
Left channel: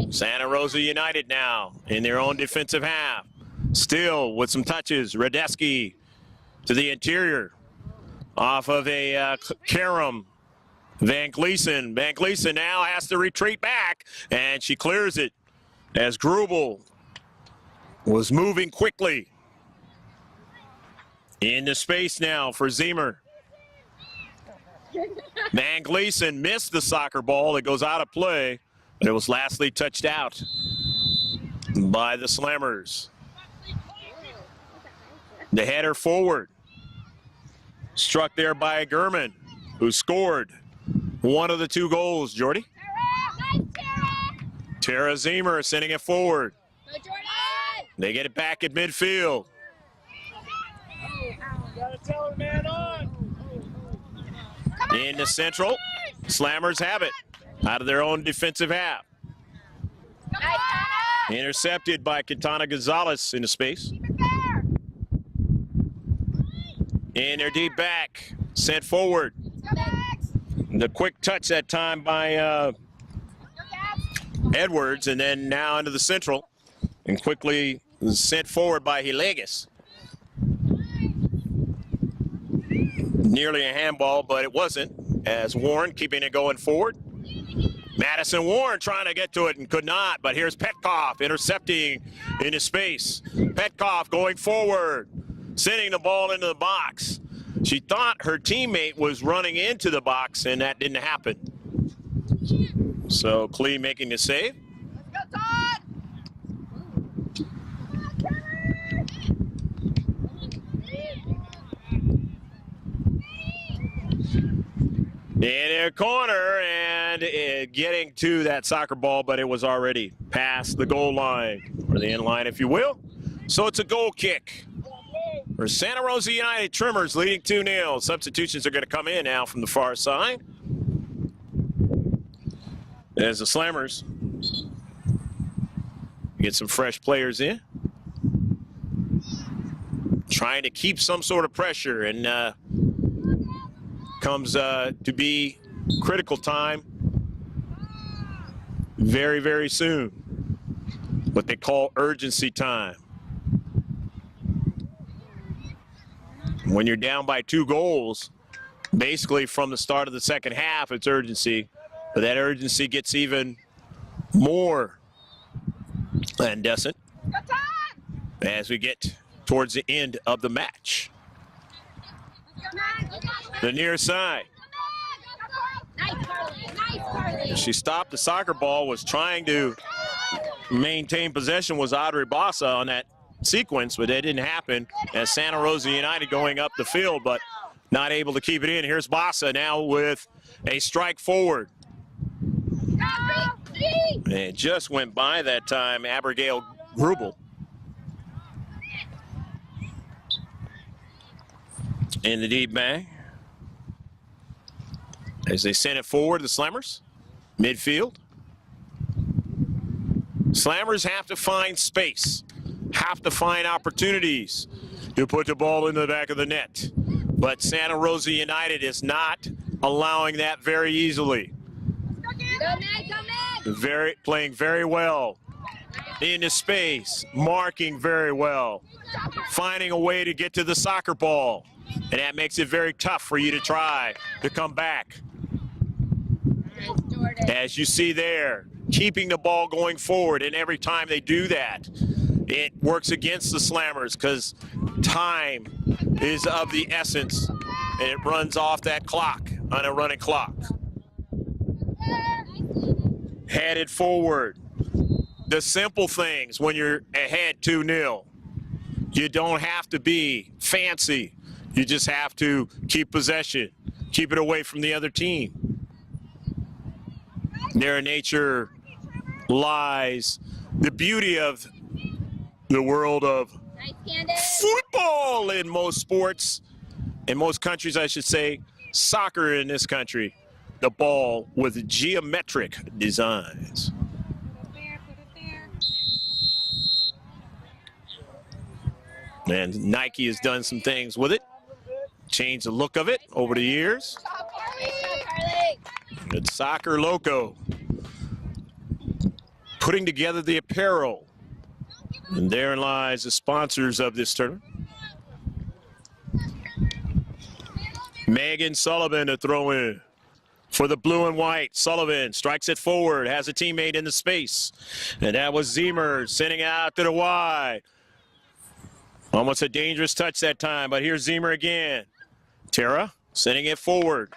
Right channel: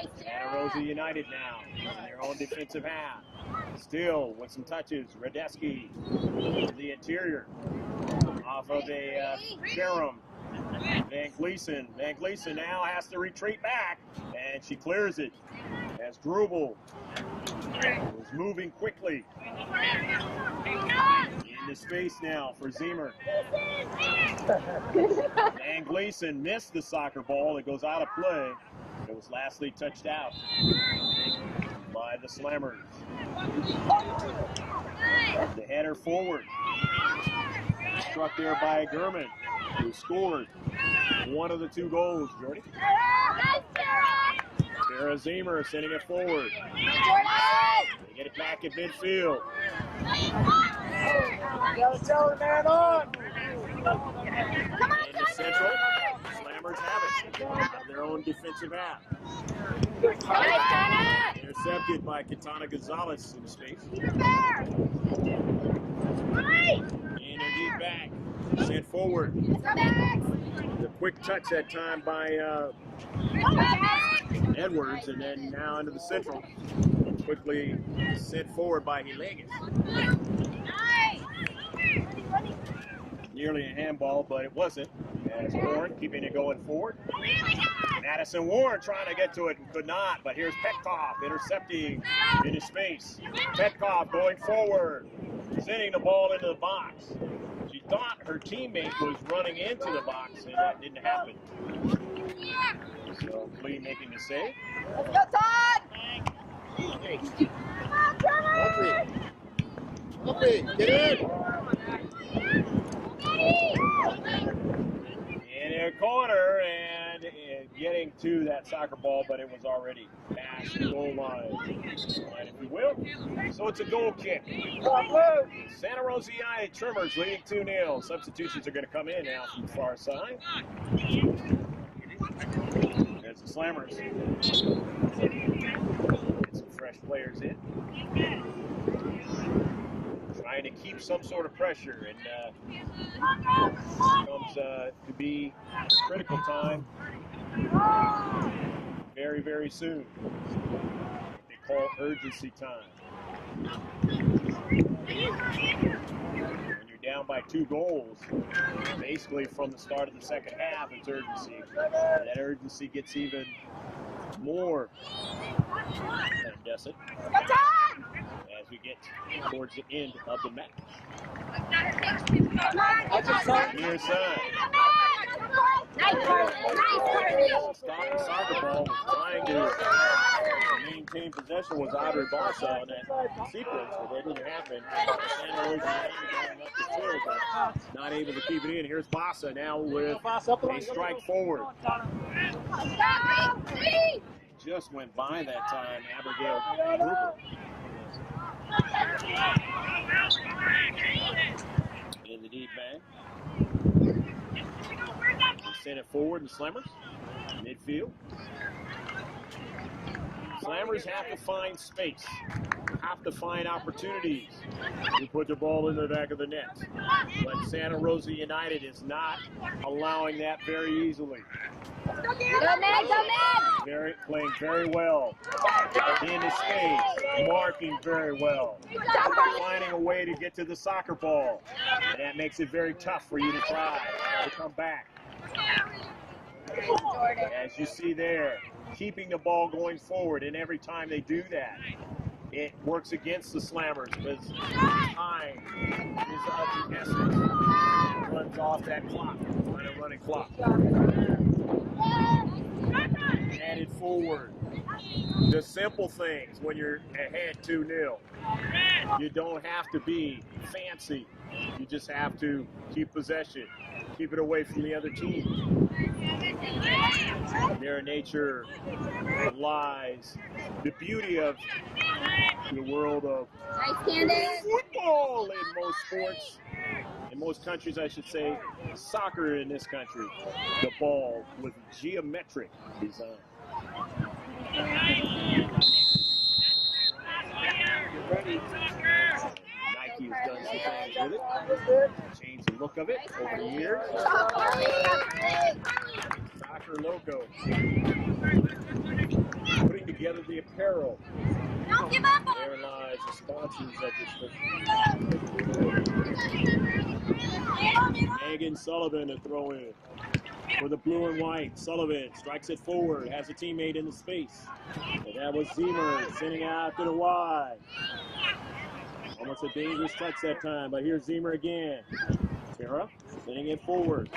Santa Rosa United now in their own defensive half. Still with some touches. Radeski to the interior. Off of a Karam. Van Gleason. Van Gleason now has to retreat back, and she clears it as Grubel was moving quickly. Into space now for Zemer. Van Gleason missed the soccer ball. It goes out of play, and it was lastly touched out by the Slammers. The header forward. Struck there by Gurman, who scored one of the 2 goals, Jordy. Tara Zemer sending it forward. They get it back at midfield. Into central. Slammers have it out of their own defensive half. Intercepted by Katana Gonzalez into space. In their deep back. Sent forward. The quick touch that time by Edwards, and then now into the central. And quickly sent forward by Hilegas. Nearly a handball, but it wasn't, as Warren keeping it going forward. Madison Warren trying to get to it and could not, but here's Petkoff intercepting into space. Petkoff going forward, sending the ball into the box. She thought her teammate was running into the box, and that didn't happen. So Klee making the save. Get in. In a corner and getting to that soccer ball, but it was already past the goal line, or the end line, if you will. So it's a goal kick for Santa Rosa United. Tremors leading 2-0. Substitutions are going to come in now from the far side. As the Slammers get some fresh players in. Trying to keep some sort of pressure, and comes to be critical time very, very soon. What they call urgency time. When you're down by 2 goals, basically from the start of the second half, it's urgency. But that urgency gets even more incandescent as we get towards the end of the match. The near side. She stopped the soccer ball, was trying to maintain possession, was Audrey Bassa on that sequence, but that didn't happen as Santa Rosa United going up the field, but not able to keep it in. Here's Bassa now with a strike forward. And it just went by that time, Abigail Grubel. In the deep bag. As they send it forward, the Slammers. Midfield. Slammers have to find space, have to find opportunities to put the ball into the back of the net. But Santa Rosa United is not allowing that very easily. Playing very well into space, marking very well, finding a way to get to the soccer ball, and that makes it very tough for you to try to come back. As you see there, keeping the ball going forward, and every time they do that, it works against the Slammers because time is of the essence, and it runs off that clock on a running clock. Headed forward. The simple things when you're ahead 2-0. You don't have to be fancy. You just have to keep possession, keep it away from the other team. There in nature lies the beauty of the world of football in most sports, in most countries, I should say, soccer in this country, the ball with geometric designs. And Nike has done some things with it, changed the look of it over the years. It's Soccer Loco, putting together the apparel. And therein lies the sponsors of this tournament. Megan Sullivan to throw in for the blue and white. Sullivan strikes it forward, has a teammate in the space. And that was Zemer sending it out to the Y. Almost a dangerous touch that time, but here's Zemer again. Tara sending it forward,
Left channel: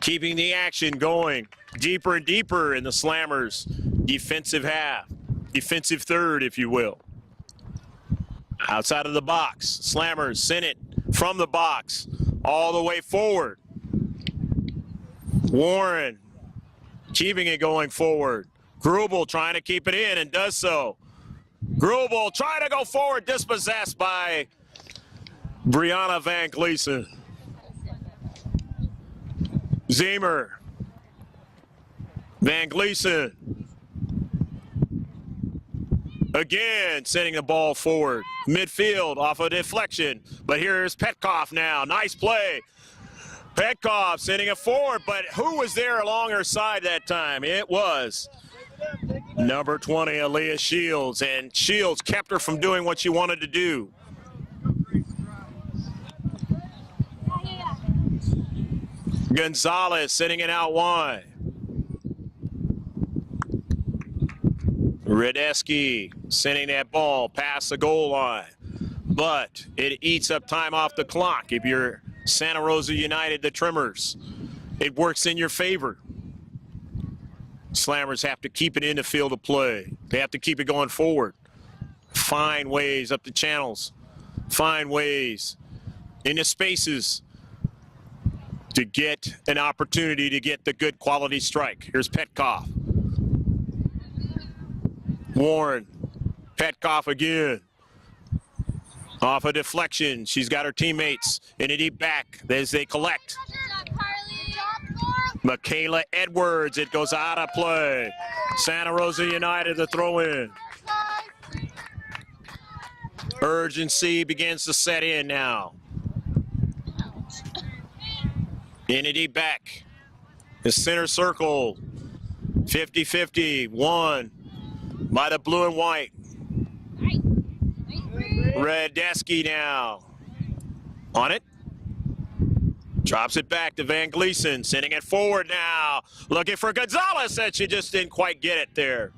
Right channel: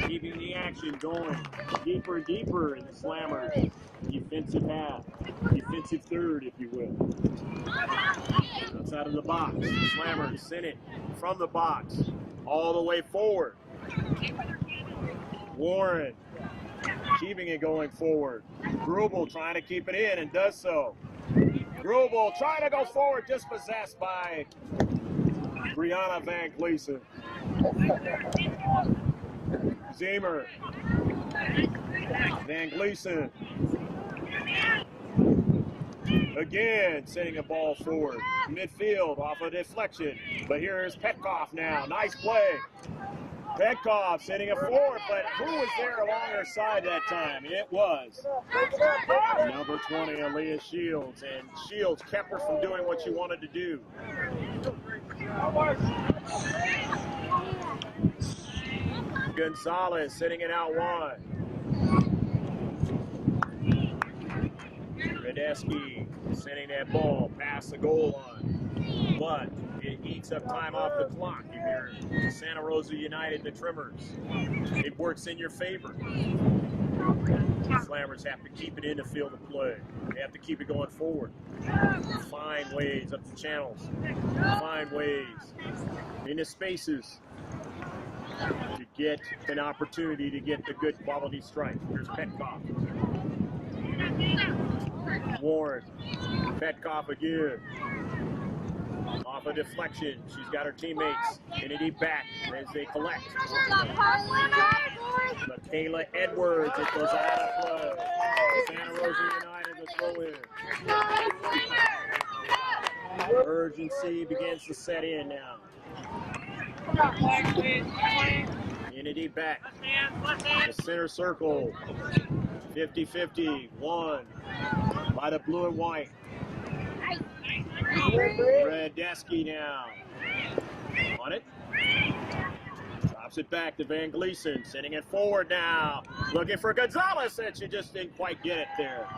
keeping the action going deeper and deeper in the Slammers' defensive half, defensive third, if you will. Outside of the box, Slammers send it from the box all the way forward. Warren keeping it going forward. Grubel trying to keep it in and does so. Grubel trying to go forward, dispossessed by Brianna Van Gleason. Zemer. Van Gleason. Again, sending the ball forward. Midfield off a deflection. But here's Petkoff now. Nice play. Petkoff sending it forward, but who was there along her side that time? It was number 20, Aaliyah Shields, and Shields kept her from doing what she wanted to do. Gonzalez sending it out wide. Radeski sending that ball past the goal line. But it eats up time off the clock. If you're Santa Rosa United, the Tremors, it works in your favor. Slammers have to keep it in the field of play. They have to keep it going forward. Find ways up the channels. Find ways in the spaces to get an opportunity to get the good quality strike. Here's Petkoff. Warren. Petkoff again. Off a deflection. She's got her teammates in a deep back as they collect. Michaela Edwards, it goes out of play. Santa Rosa United to throw in. Urgency begins to set in now. In a deep back. The center circle. 50-50, won by the blue and white. Radeski now on it. Drops it back to Van Gleason, sending it forward now. Looking for Gonzalez, and she just didn't quite get it there.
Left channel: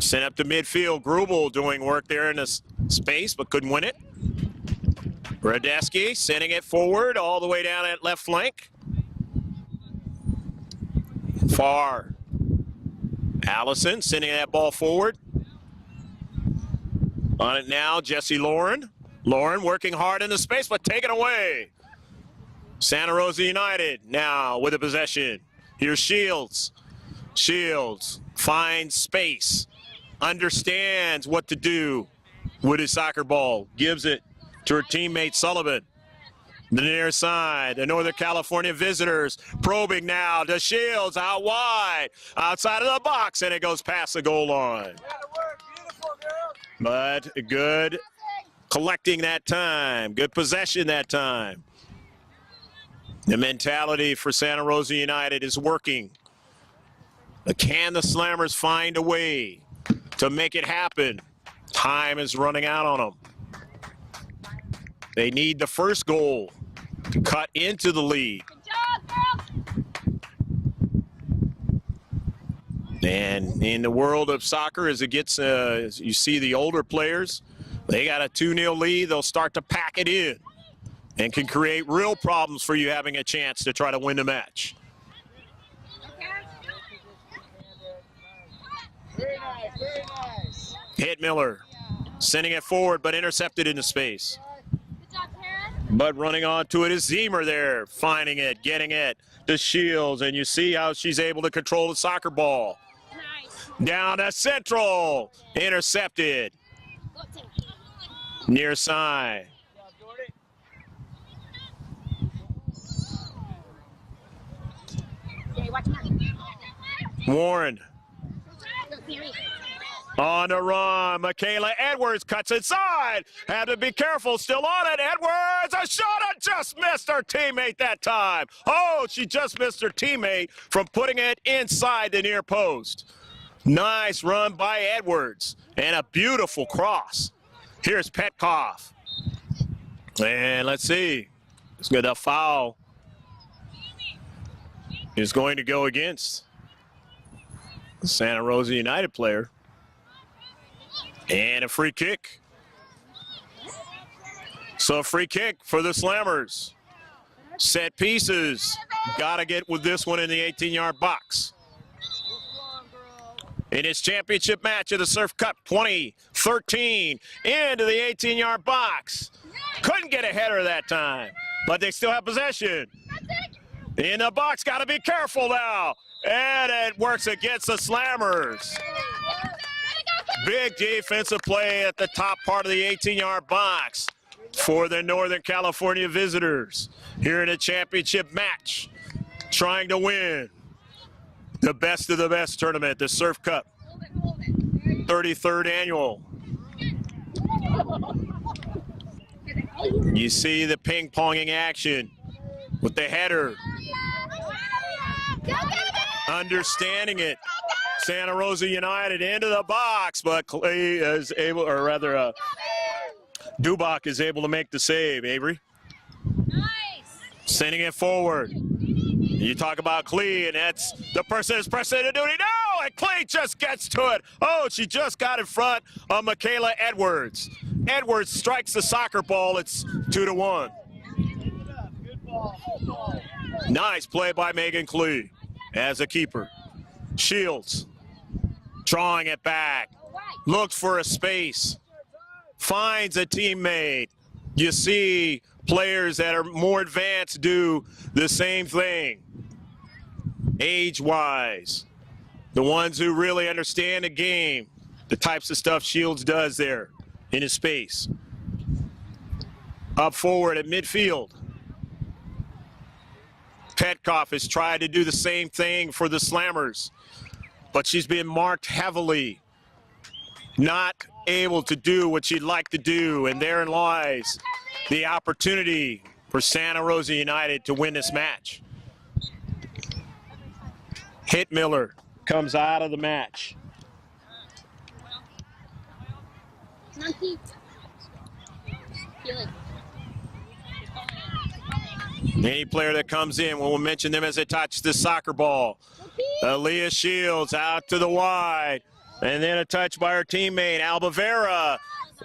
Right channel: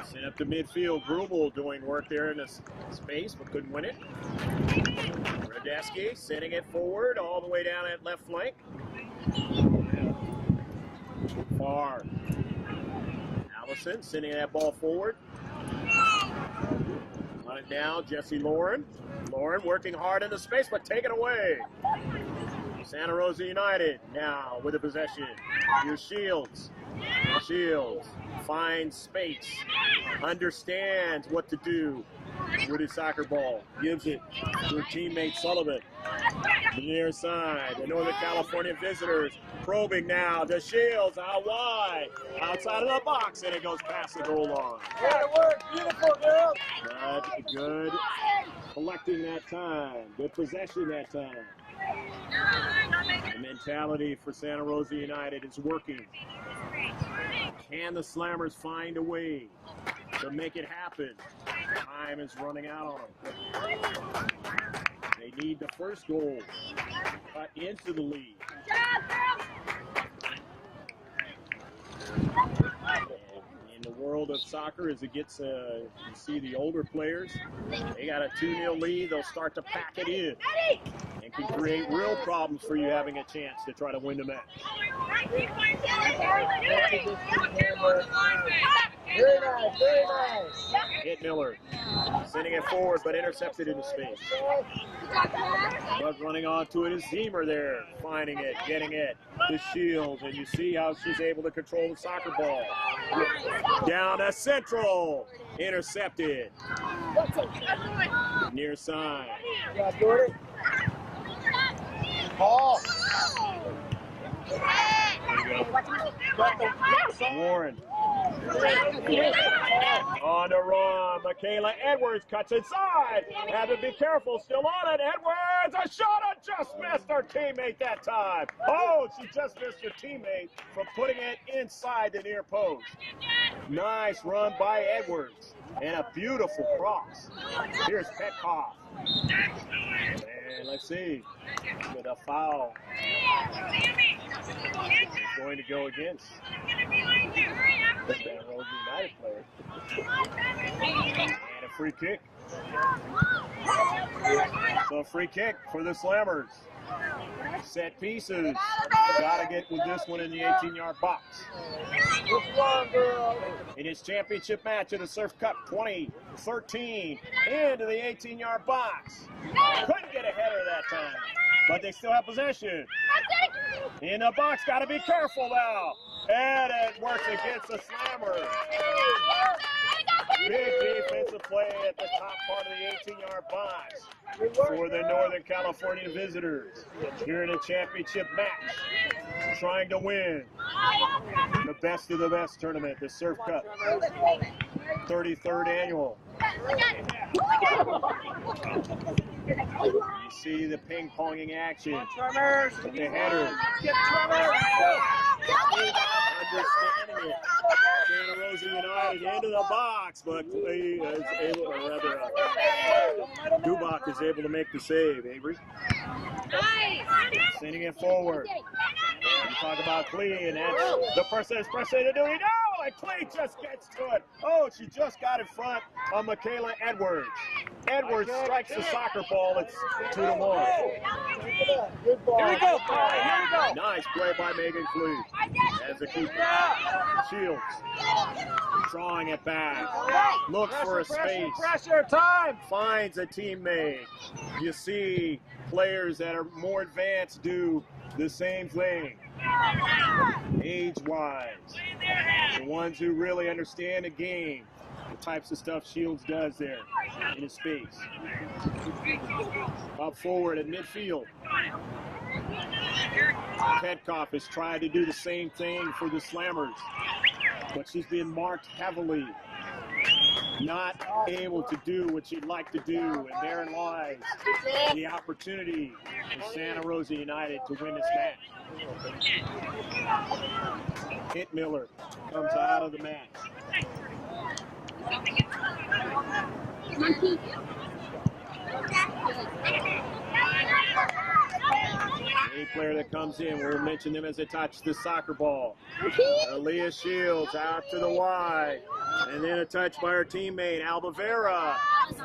Sent up to midfield. Grubel doing work there in the space, but couldn't win it. Radeski sending it forward all the way down at left flank. Far. Allison sending that ball forward. On it now, Jesse Lauren. Lauren working hard in the space, but taken away. Santa Rosa United now with the possession. Here's Shields. Shields finds space, understands what to do with his soccer ball. Gives it to her teammate Sullivan. The near side, the Northern California visitors probing now to Shields out wide, outside of the box, and it goes past the goal line. But good collecting that time, good possession that time. The mentality for Santa Rosa United is working. But can the Slammers find a way to make it happen? Time is running out on them. They need the first goal to cut into the lead. And in the world of soccer, as it gets, you see the older players, they got a 2-0 lead, they'll start to pack it in and can create real problems for you having a chance to try to win the match. Very nice, very nice. Hit Miller, sending it forward, but intercepted into space. But running onto it is Zemer there, finding it, getting it to Shields, and you see how she's able to control the soccer ball. Down to Central, intercepted. Near side. Warren. On the run, Michaela Edwards cuts inside. Had to be careful, still on it. Edwards, a shot, just missed her teammate that time. Oh, she just missed her teammate from putting it inside the near post. Nice run by Edwards, and a beautiful cross. Here's Petkoff. And let's see, it's good. A foul is going to go against Santa Rosa United player. And a free kick. So a free kick for the Slammers. Set pieces. Got to get with this one in the 18-yard box. In his championship match of the Surf Cup 2013, into the 18-yard box. Couldn't get a header that time, but they still have possession. In the box, got to be careful now. And it works against the Slammers. Big defensive play at the top part of the 18-yard box for the Northern California visitors here in a championship match, trying to win the best of the best tournament, the Surf Cup 33rd annual. You see the ping-ponging action with the header. Understanding it. Santa Rosa United into the box, but Clay is able, or rather, Dubach is able to make the save, Avery. Sending it forward. You talk about Clee, and that's the person who's pressing to do it. No, and Clee just gets to it. Oh, she just got in front of Michaela Edwards. Edwards strikes the soccer ball. It's 2-1. Nice play by Megan Clee as a keeper. Shields drawing it back. Looks for a space. Finds a teammate. You see players that are more advanced do the same thing, age-wise. The ones who really understand the game, the types of stuff Shields does there in his space. Up forward at midfield. Petkoff is trying to do the same thing for the Slammers, but she's being marked heavily. Not able to do what she'd like to do, and therein lies the opportunity for Santa Rosa United to win this match. Hitmiller comes out of the match. Any player that comes in, we'll mention them as they touch the soccer ball. Aaliyah Shields out to the wide. And then a touch by her teammate, Albavera,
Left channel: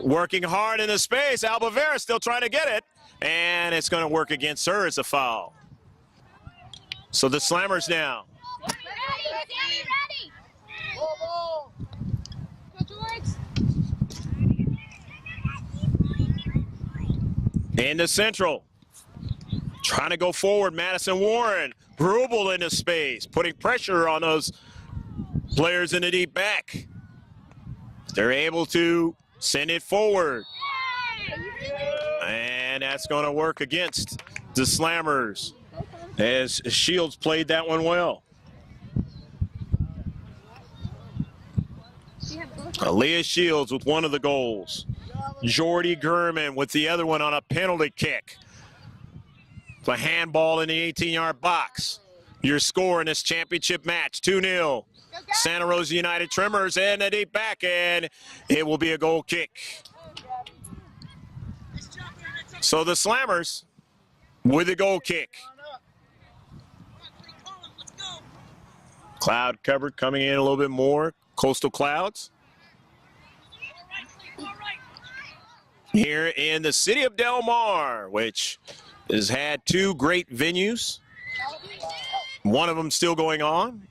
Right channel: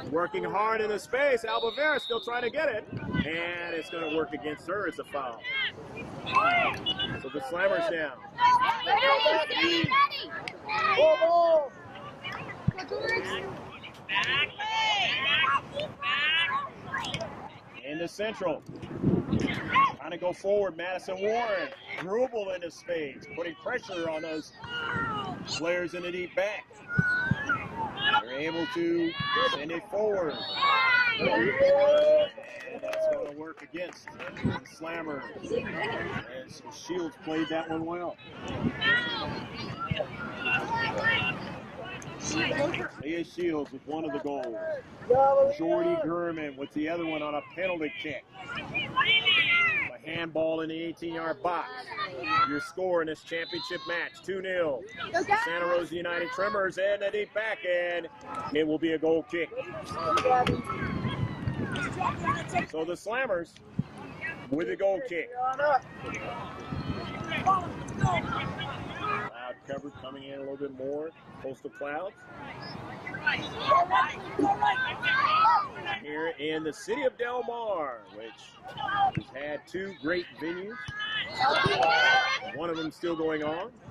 working hard in the space. Albavera still trying to get it. And it's going to work against her as a foul. So the Slammers now. Into Central. Trying to go forward, Madison Warren. Grubel into space, putting pressure on those players in the deep back. They're able to send it forward. And that's going to work against the Slammers as Shields played that one well. Aaliyah Shields with one of the goals. Jordy Gurman with the other one on a penalty kick. A handball in the 18-yard box. Your score in this championship match, 2-0. Santa Rosa United Tremors in the deep back, and it will be a goal kick. So the Slammers with a goal kick. Cloud covered coming in a little bit more. Coastal clouds. Here in the city of Del Mar, which has had two great venues. One of them still going on,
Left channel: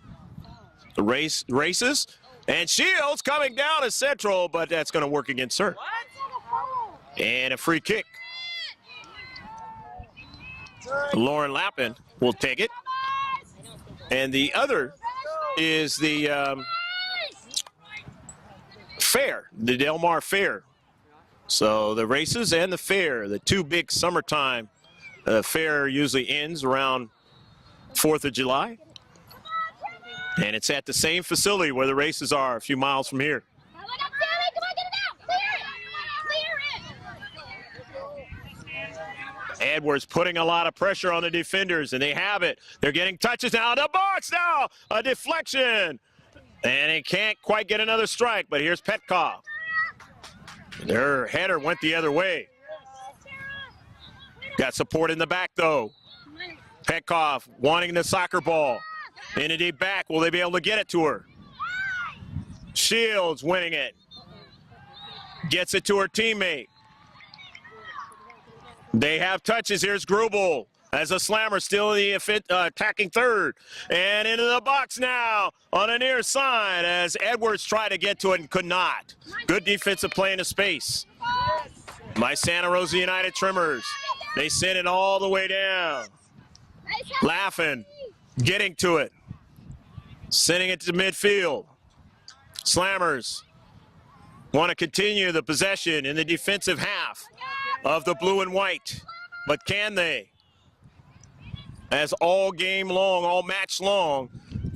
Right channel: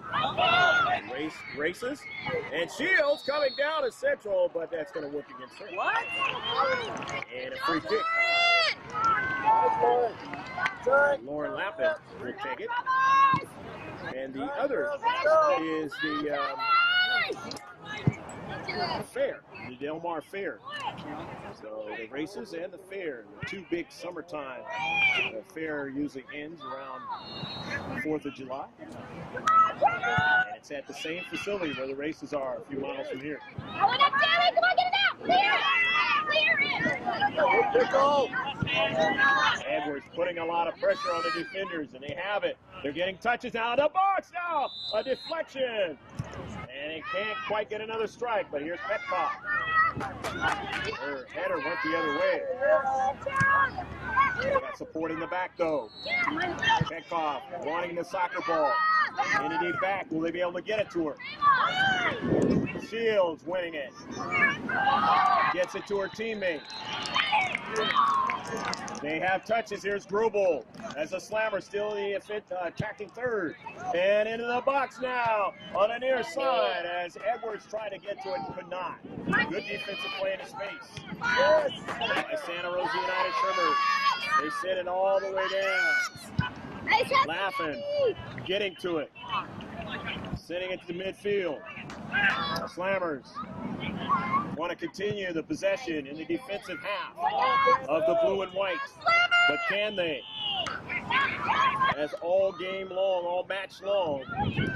the races. And Shields coming down to Central, but that's going to work against her. And a free kick. Lauren Lappin will take it. And the other is the fair, the Del Mar Fair. So the races and the fair, the two big summertime. The fair usually ends around 4th of July. And it's at the same facility where the races are a few miles from here. Come on, get it out. Clear it. Edwards putting a lot of pressure on the defenders, and they have it. They're getting touches now. The box now, a deflection. And he can't quite get another strike, but here's Petkoff. Her header went the other way. Got support in the back, though. Petkoff wanting the soccer ball. In a deep back, will they be able to get it to her? Shields winning it. Gets it to her teammate. They have touches. Here's Grubel as a slammer still in the attacking third. And into the box now on the near side as Edwards tried to get to it and could not. Good defensive play into space by Santa Rosa United Tremors. They send it all the way down. Laughing, getting to it, sending it to midfield. Slammers want to continue the possession in the defensive half of the blue and white, but can they? As all game long, all match long,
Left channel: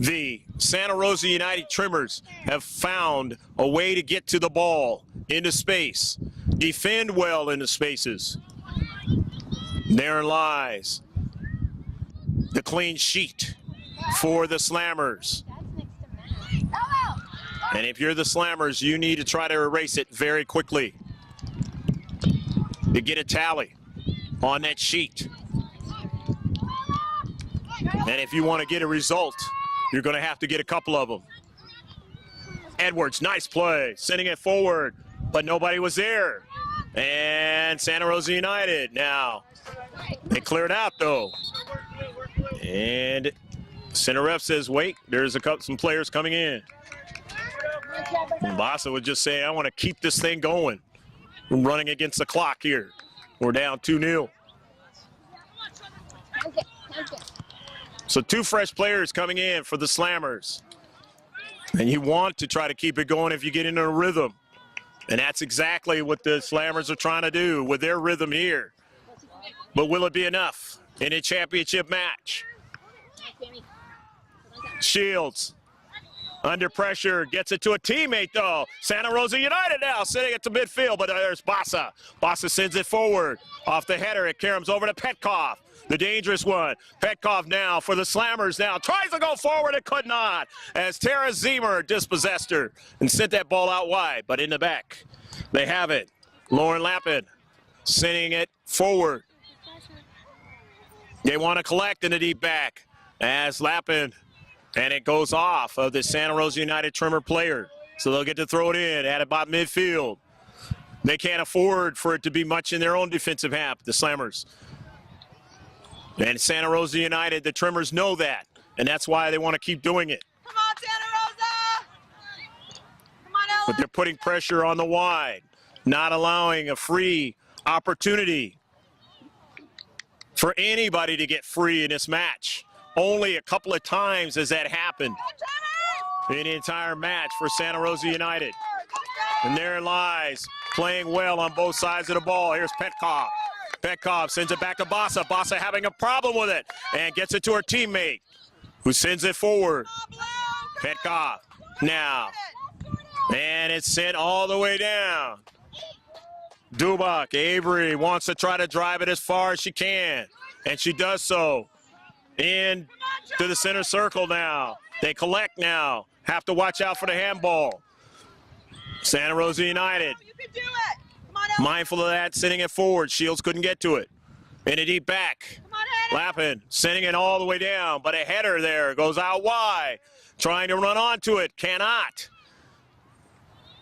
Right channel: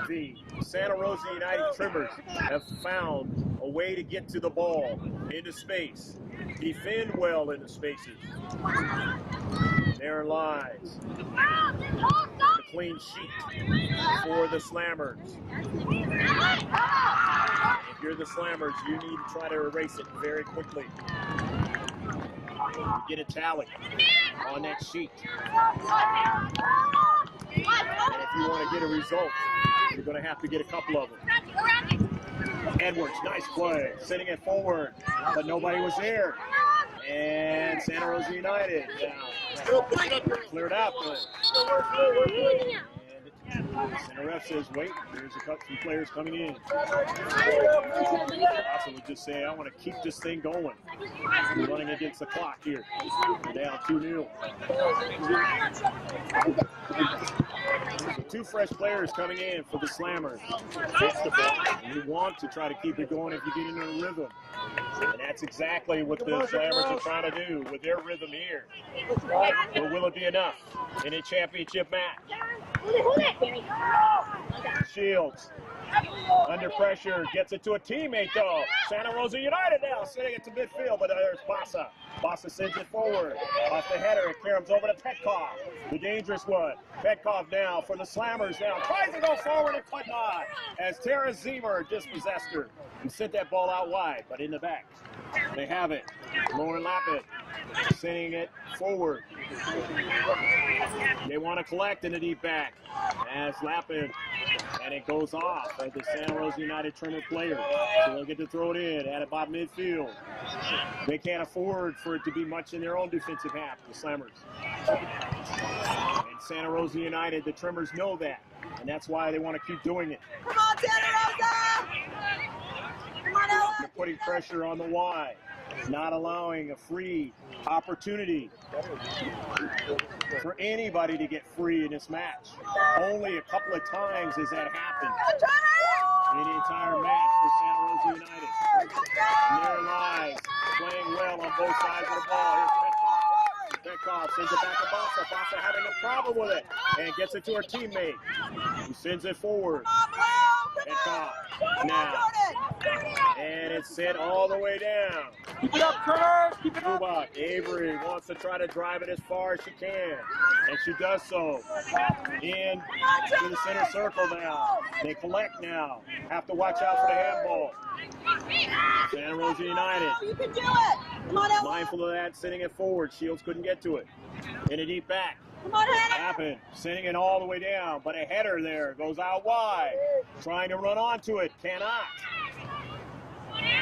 the Santa Rosa United Tremors have found a way to get to the ball into space, defend well in the spaces. There lies the clean sheet for the Slammers. And if you're the Slammers, you need to try to erase it very quickly to get a tally on that sheet. And if you want to get a result, you're going to have to get a couple of them. Edwards, nice play, sending it forward, but nobody was there. And Santa Rosa United now, they cleared out though. And center ref says, wait, there's some players coming in. Bassa would just say, I want to keep this thing going. I'm running against the clock here. We're down 2-0. So two fresh players coming in for the Slammers. And you want to try to keep it going if you get into a rhythm. And that's exactly what the Slammers are trying to do with their rhythm here. But will it be enough in a championship match? Shields under pressure, gets it to a teammate though. Santa Rosa United now sending it to midfield, but there's Bassa. Bassa sends it forward. Off the header, it caroms over to Petkoff. The dangerous one. Petkoff now for the Slammers now. Tries to go forward and could not. As Tara Zemer dispossessed her and sent that ball out wide, but in the back. They have it. Lauren Lappin sending it forward. They want to collect in the deep back. As Lappin, and it goes off of the Santa Rosa United Tremor player. So they'll get to throw it in at about midfield. They can't afford for it to be much in their own defensive half, the Slammers. And Santa Rosa United, the Tremors know that, and that's why they want to keep doing it. Come on, Santa Rosa! Come on, Ella. But they're putting pressure on the wide, not allowing a free opportunity for anybody to get free in this match. Only a couple of times has that happened in the entire match for Santa Rosa United. And there lies, playing well on both sides of the ball. Here's Petkoff. Petkoff sends it back to Bassa. Bassa having a problem with it and gets it to her teammate, who sends it forward. Petkoff now. And it's sent all the way down. Dubak, Avery wants to try to drive it as far as she can, and she does so. In to the center circle now. They collect now. Have to watch out for the handball. Santa Rosa United, You can do it! Come on, Ella. mindful of that, sending it forward. Shields couldn't get to it. In a deep back. Come on, Hannah. Lappin sending it all the way down, but a header there goes out wide. Trying to run onto it, cannot.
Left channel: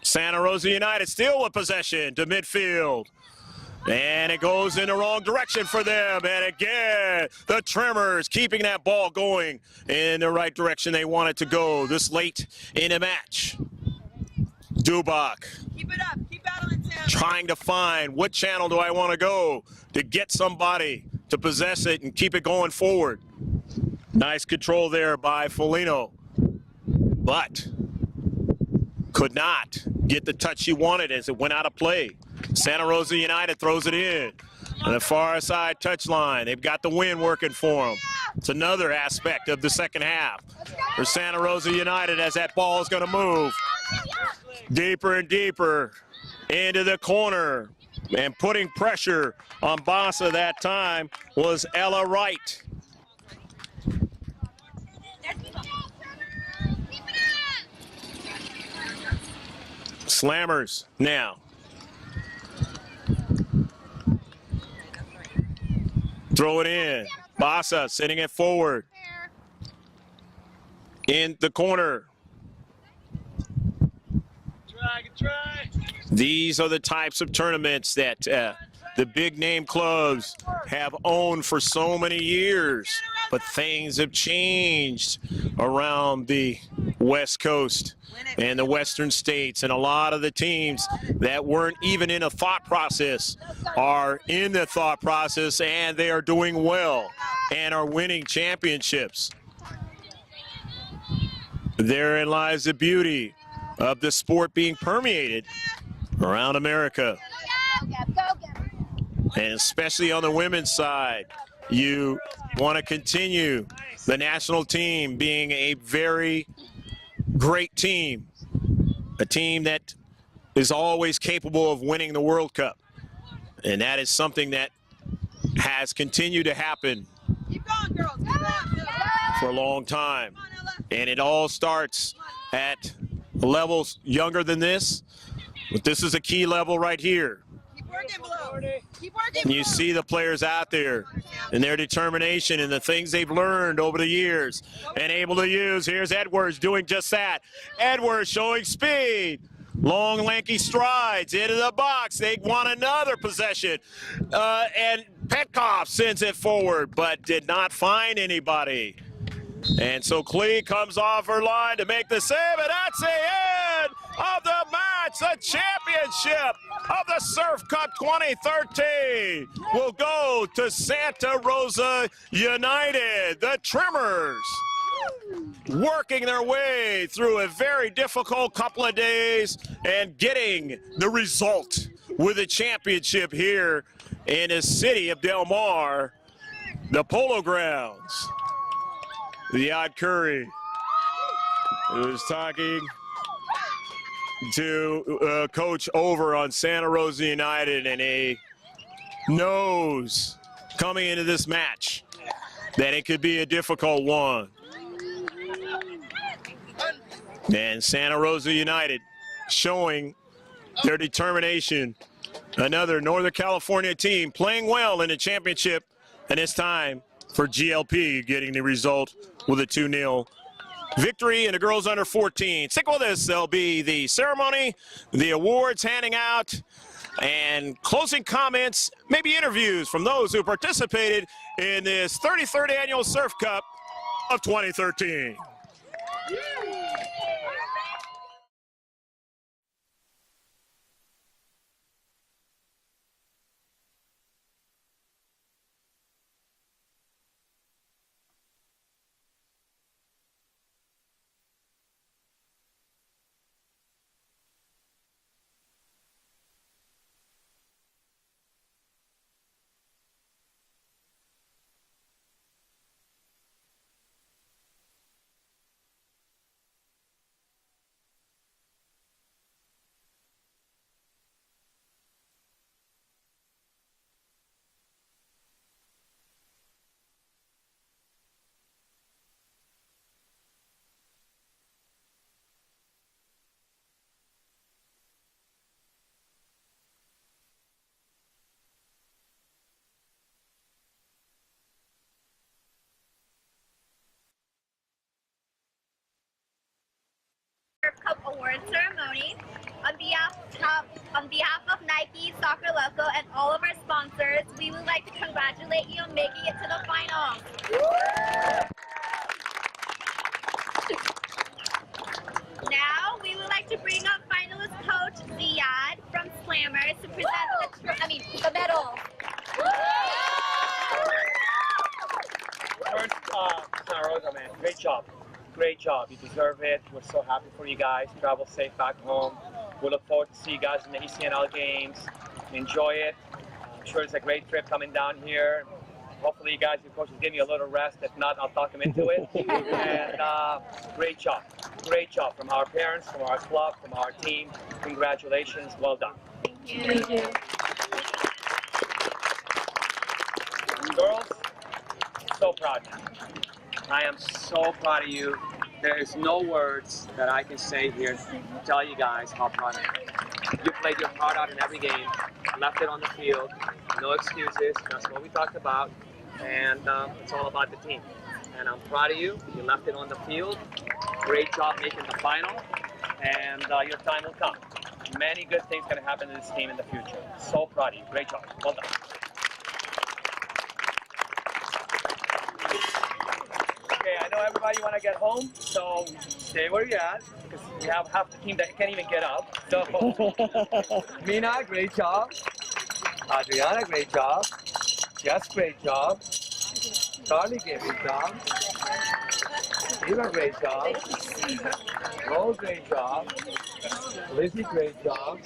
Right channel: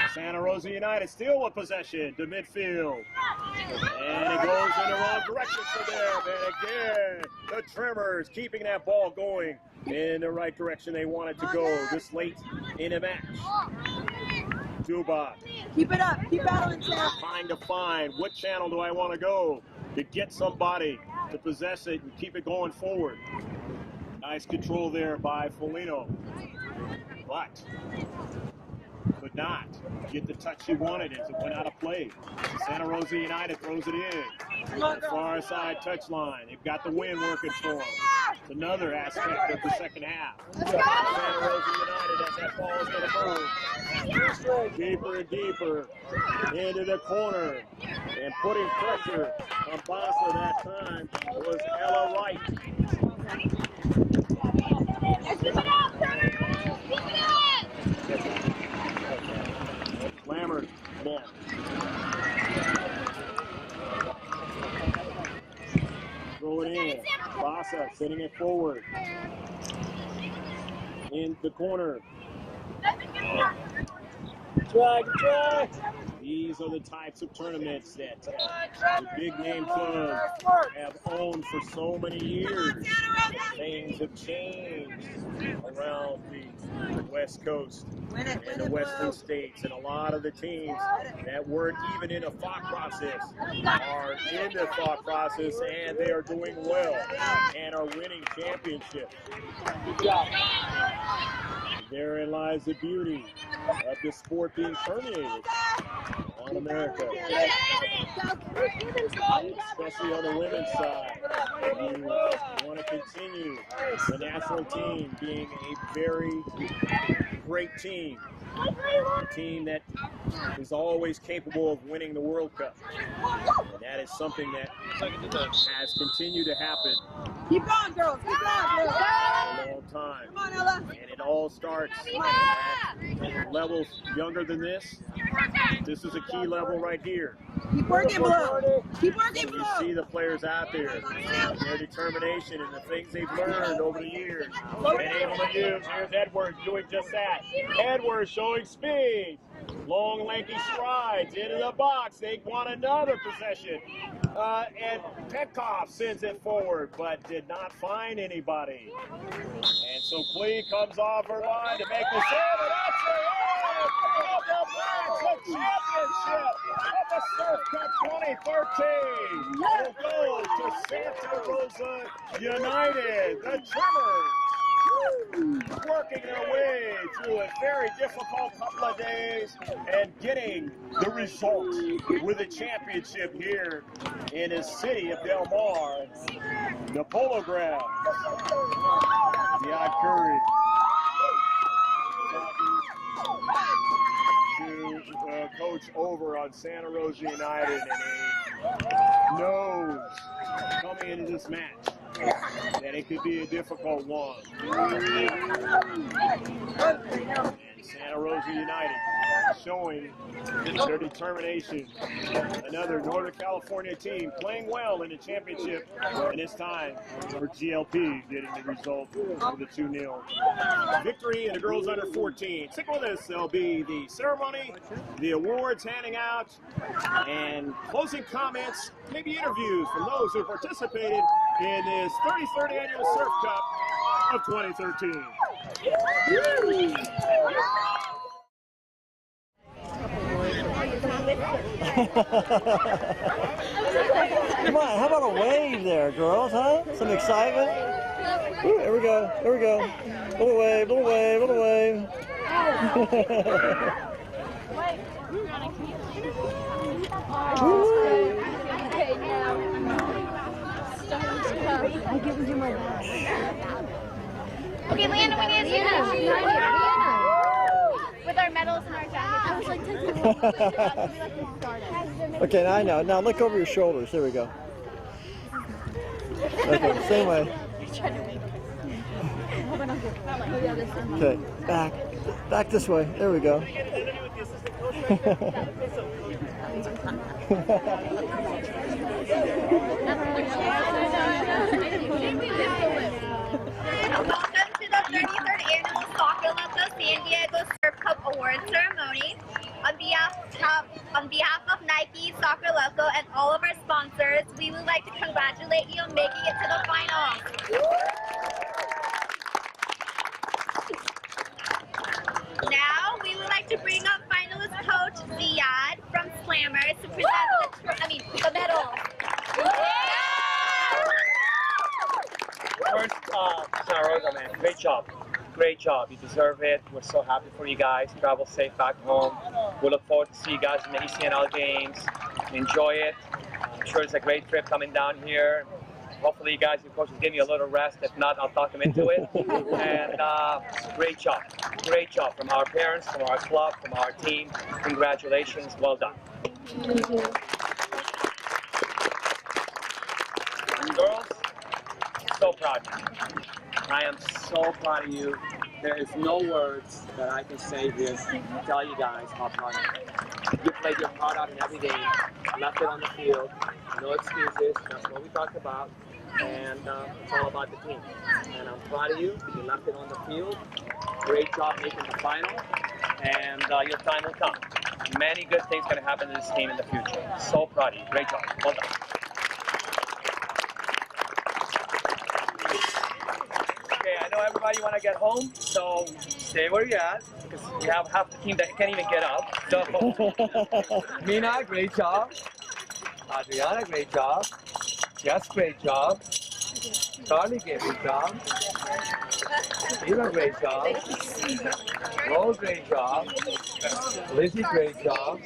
Santa Rosa United still with possession to midfield. And it goes in the wrong direction for them. And again, the Tremors keeping that ball going in the right direction they want it to go this late in the match. Dubak Keep it up. Keep battling, Sam. trying to find what channel do I want to go to get somebody to possess it and keep it going forward. Nice control there by Foligno, but could not get the touch she wanted as it went out of play. Santa Rosa United throws it in. On the far side touchline, they've got the wind working for them. It's another aspect of the second half for Santa Rosa United as that ball is going to move deeper and deeper into the corner. And putting pressure on Bassa that time was Ella Wright. Slammers now. Throw it in. Bassa sending it forward. In the corner. Try. These are the types of tournaments that the big name clubs have owned for so many years. But things have changed around the West Coast and the Western states, and a lot of the teams that weren't even in a thought process are in the thought process, and they are doing well and are winning championships. Therein lies the beauty of the sport being permeated around America. And especially on the women's side, you want to continue the national team being a very great team, a team that is always capable of winning the World Cup. And that is something that has continued to happen for a long time. And it all starts at levels younger than this, but this is a key level right here. Keep working, Blue. Keep working, You see the players out there and their determination and the things they've learned over the years and able to use. Here's Edwards doing just that. Edwards showing speed. Long, lanky strides into the box. They want another possession. And Petkoff sends it forward, but did not find anybody. And so Klee comes off her line to make the save, and that's the end of the match. The championship of the Surf Cup 2013 will go to Santa Rosa United. The Tremors working their way through a very difficult couple of days and getting the result with a championship here in the city of Del Mar, the Polo Grounds. The Odd Curry is talking to coach over on Santa Rosa United, and he knows coming into this match that it could be a difficult one. And Santa Rosa United showing their determination. Another Northern California team playing well in the championship, and it's time for GLP getting the result with a 2-0 victory in the girls under 14. Stick with us. There'll be the ceremony, the awards handing out, and closing comments, maybe interviews from those who participated in this 33rd annual Surf Cup of 2013. Come on, how about a wave there, girls, huh? Some excitement. Ooh, here we go, here we go. Little wave, little wave, little wave. Okay, Leanna, we need to see that. With our medals and our jackets. Okay, now I know. Now look over your shoulders. There we go. Okay, same way. Okay, back this way. There we go. Welcome to the 33rd Annual Soccer Loco San Diego Surf Cup Award Ceremony. On behalf of Nike, Soccer Loco, and all of our sponsors, we would like to congratulate you on making it to the finals. Now, we would like to bring up finalist coach Ziad from Slammers to present the medal. Santa Rosa, man, great job. Great job. You deserve it. We're so happy for you guys. Travel safe back home. We look forward to see you guys in the ECNL games. Enjoy it. I'm sure it's a great trip coming down here. Hopefully you guys, your coaches give you a little rest. If not, I'll talk them into it. And great job. Great job from our parents, from our club, from our team. Congratulations. Well done. Thank you. Girls, so proud of you. I am so proud of you. There is no words that I can say here to tell you guys how proud I am. You played your heart out in every game, left it on the field, no excuses, that's what we talked about, and it's all about the team. And I'm proud of you. You left it on the field. Great job making the final, and your time will come. Many good things going to happen to this team in the future. So proud of you. Great job. Well done. Okay, I know everybody want to get home, so stay where you're at, because we have half the team that can't even get up. So, Mina, great job. Adriana, great job. Jess, great job. Charlie, great job. Eva, great job. Rose, great job. Lizzie, great job.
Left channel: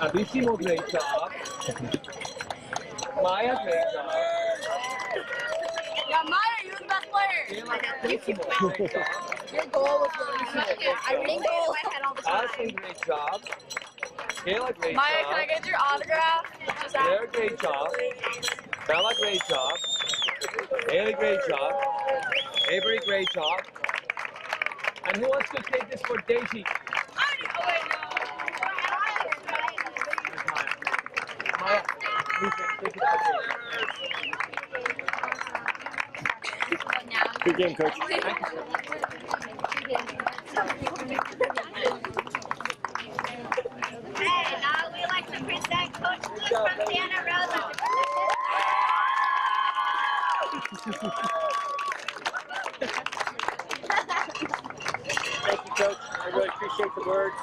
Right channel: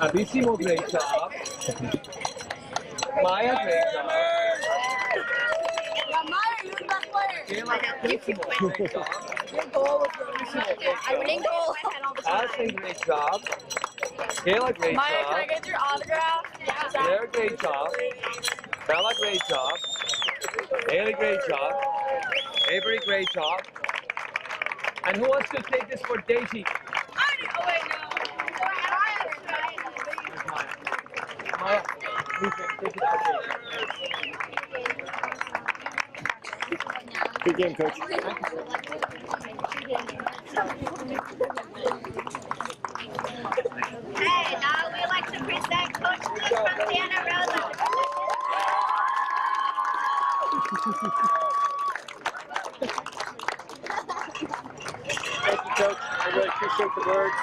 Abissimo, great job. Maya, great job. Yeah, Maya, you're the best player. Kayla, great job. Your goal was really good. I read goal in my head all the time. Ashley, great job. Kayla, great Maya, job. can I get your autograph? Claire, great job. Bella, great job. Haley, great job. Avery, great job. And who wants to take this for Daisy? Oh, wait, no. Maya, please take it for Daisy. Good game, Coach. Hey, now we like to present Coach Luke from Santa Rosa. Thank you, Coach. I really appreciate the words.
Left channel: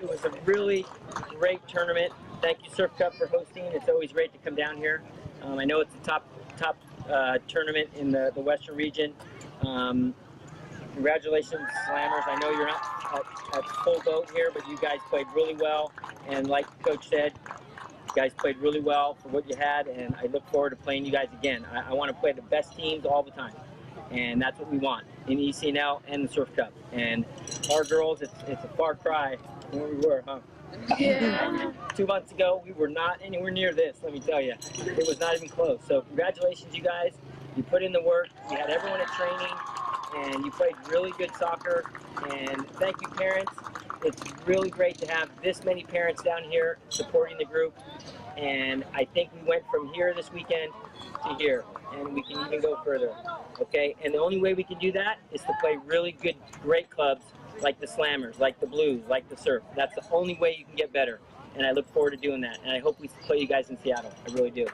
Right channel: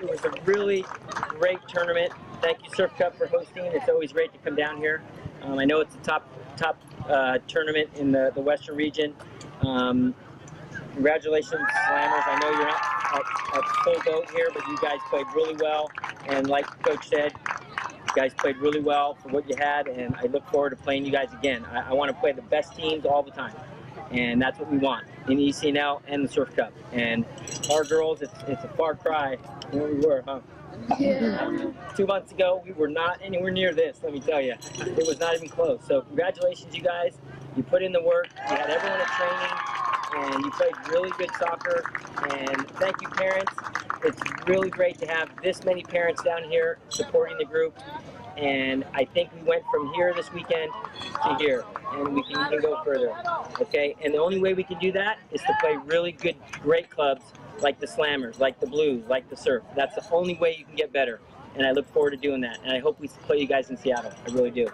It was a really great tournament. Thank you, Surf Cup, for hosting. It's always great to come down here. I know it's a top tournament in the Western region. Congratulations, Slammers. I know you're not at full boat here, but you guys played really well. And like Coach said, you guys played really well for what you had, and I look forward to playing you guys again. I want to play the best teams all the time, and that's what we want in ECNL and the Surf Cup. And our girls, it's a far cry from where we were, huh? Yeah. 2 months ago, we were not anywhere near this, let me tell you. It was not even close. So congratulations, you guys. You put in the work. You had everyone at training, and you played really good soccer. And thank you, parents. It's really great to have this many parents down here supporting the group. And I think we went from here this weekend to here, and we can even go further, okay? And the only way we can do that is to play really good, great clubs like the Slammers, like the Blues, like the Surf. That's the only way you can get better, and I look forward to doing that. And I hope we play you guys in Seattle. I really do.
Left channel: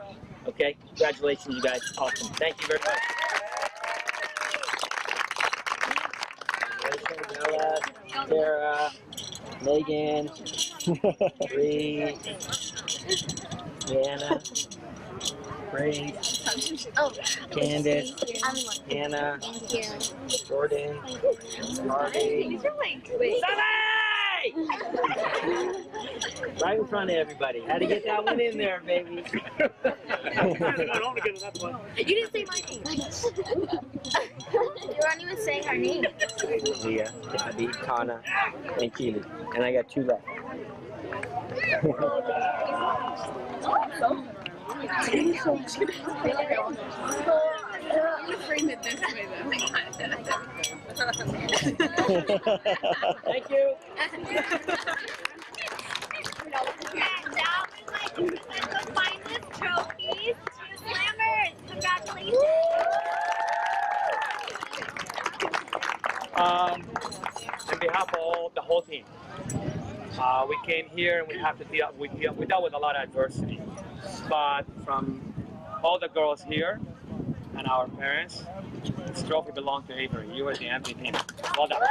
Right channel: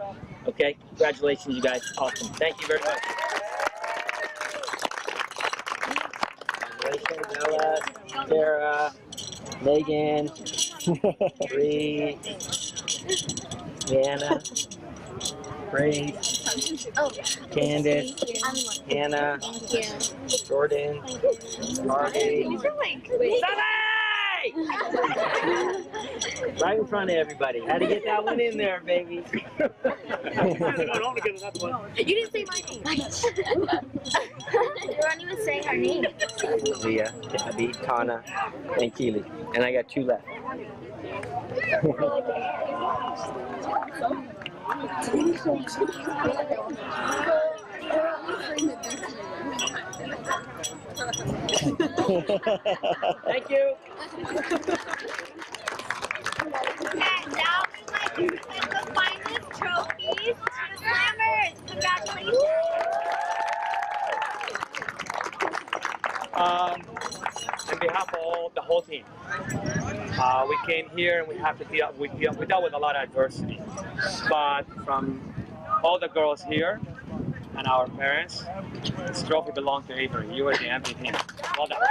Okay? Congratulations, you guys. Awesome. Thank you very much. Congratulations, Ella, Sarah, Megan, Bree, Anna, Grace, Candace, Hannah, Jordan, Harvey, Sally! Right in front of everybody. Had to get that one in there, baby. You didn't say my name. You weren't even saying our name. Leah, Abby, Tana, and Keely. And I got 2 left. Thank you. And now we'd like to present the finest trophies to Slammers. Congratulations. On behalf of the whole team, we came here and we have to we dealt with a lot of adversity. But from all the girls here and our parents, this trophy belonged to Avery. You were the MVP. Well done.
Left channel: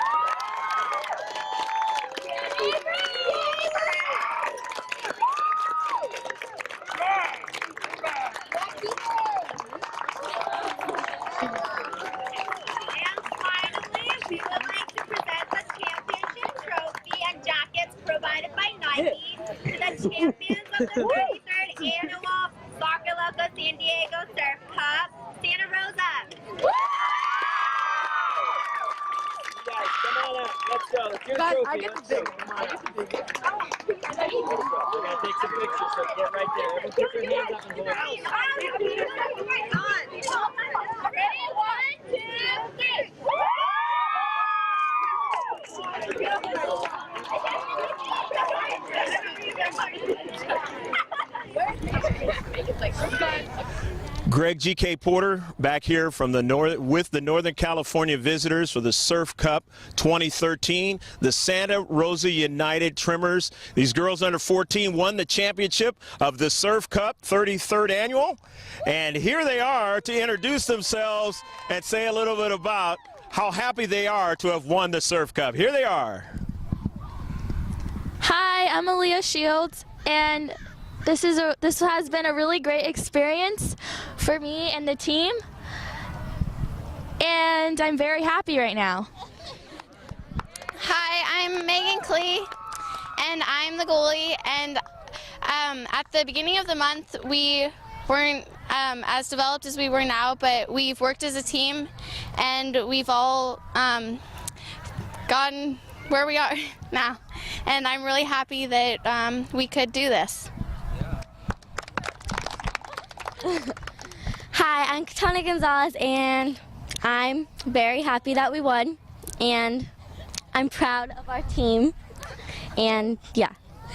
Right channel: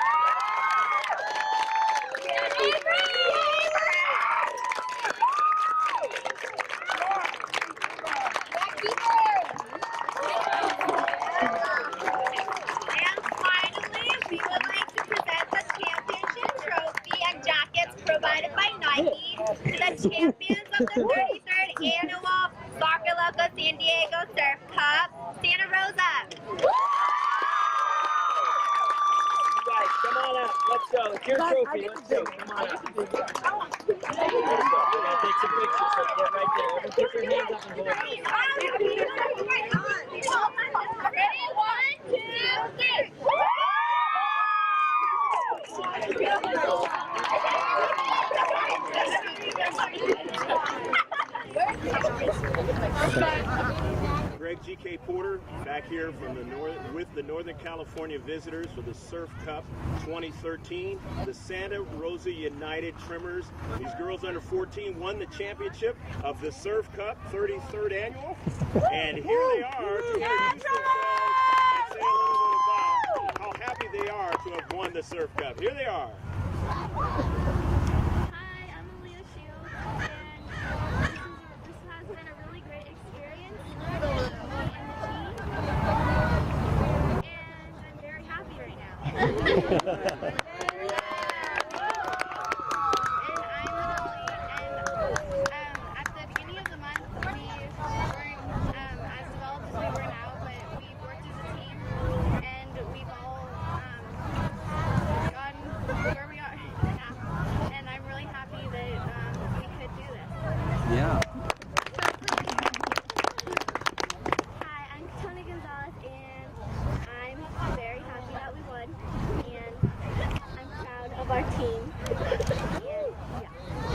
the 33rd Annual Soccer Loco San Diego Surf Cup, Santa Rosa. Guys, come on up. Let's go. It's your trophy. Let's go. Come on up. Let's go. We're going to take some pictures, so get right there. Everyone put your hands up and hold it. Ready? 1, 2, 3. Greg G.K. Porter back here from the with the Northern California visitors for the Surf Cup 2013. The Santa Rosa United Tremors. These girls under 14 won the championship of the Surf Cup 33rd Annual. And here they are to introduce themselves and say a little bit about how happy they are to have won the Surf Cup. Here they are. Hi, I'm Aaliyah Shields, and this has been a really great experience for me and the team, and I'm very happy right now. Hi, I'm Megan Klee, and I'm the goalie. And at the beginning of the month, we weren't as developed as we were now, but we've worked as a team, and we've all gotten where we are now. And I'm really happy that we could do this. Yeah. Hi, I'm Katana Gonzalez, and I'm very happy that we won, and I'm proud of our team, and yeah.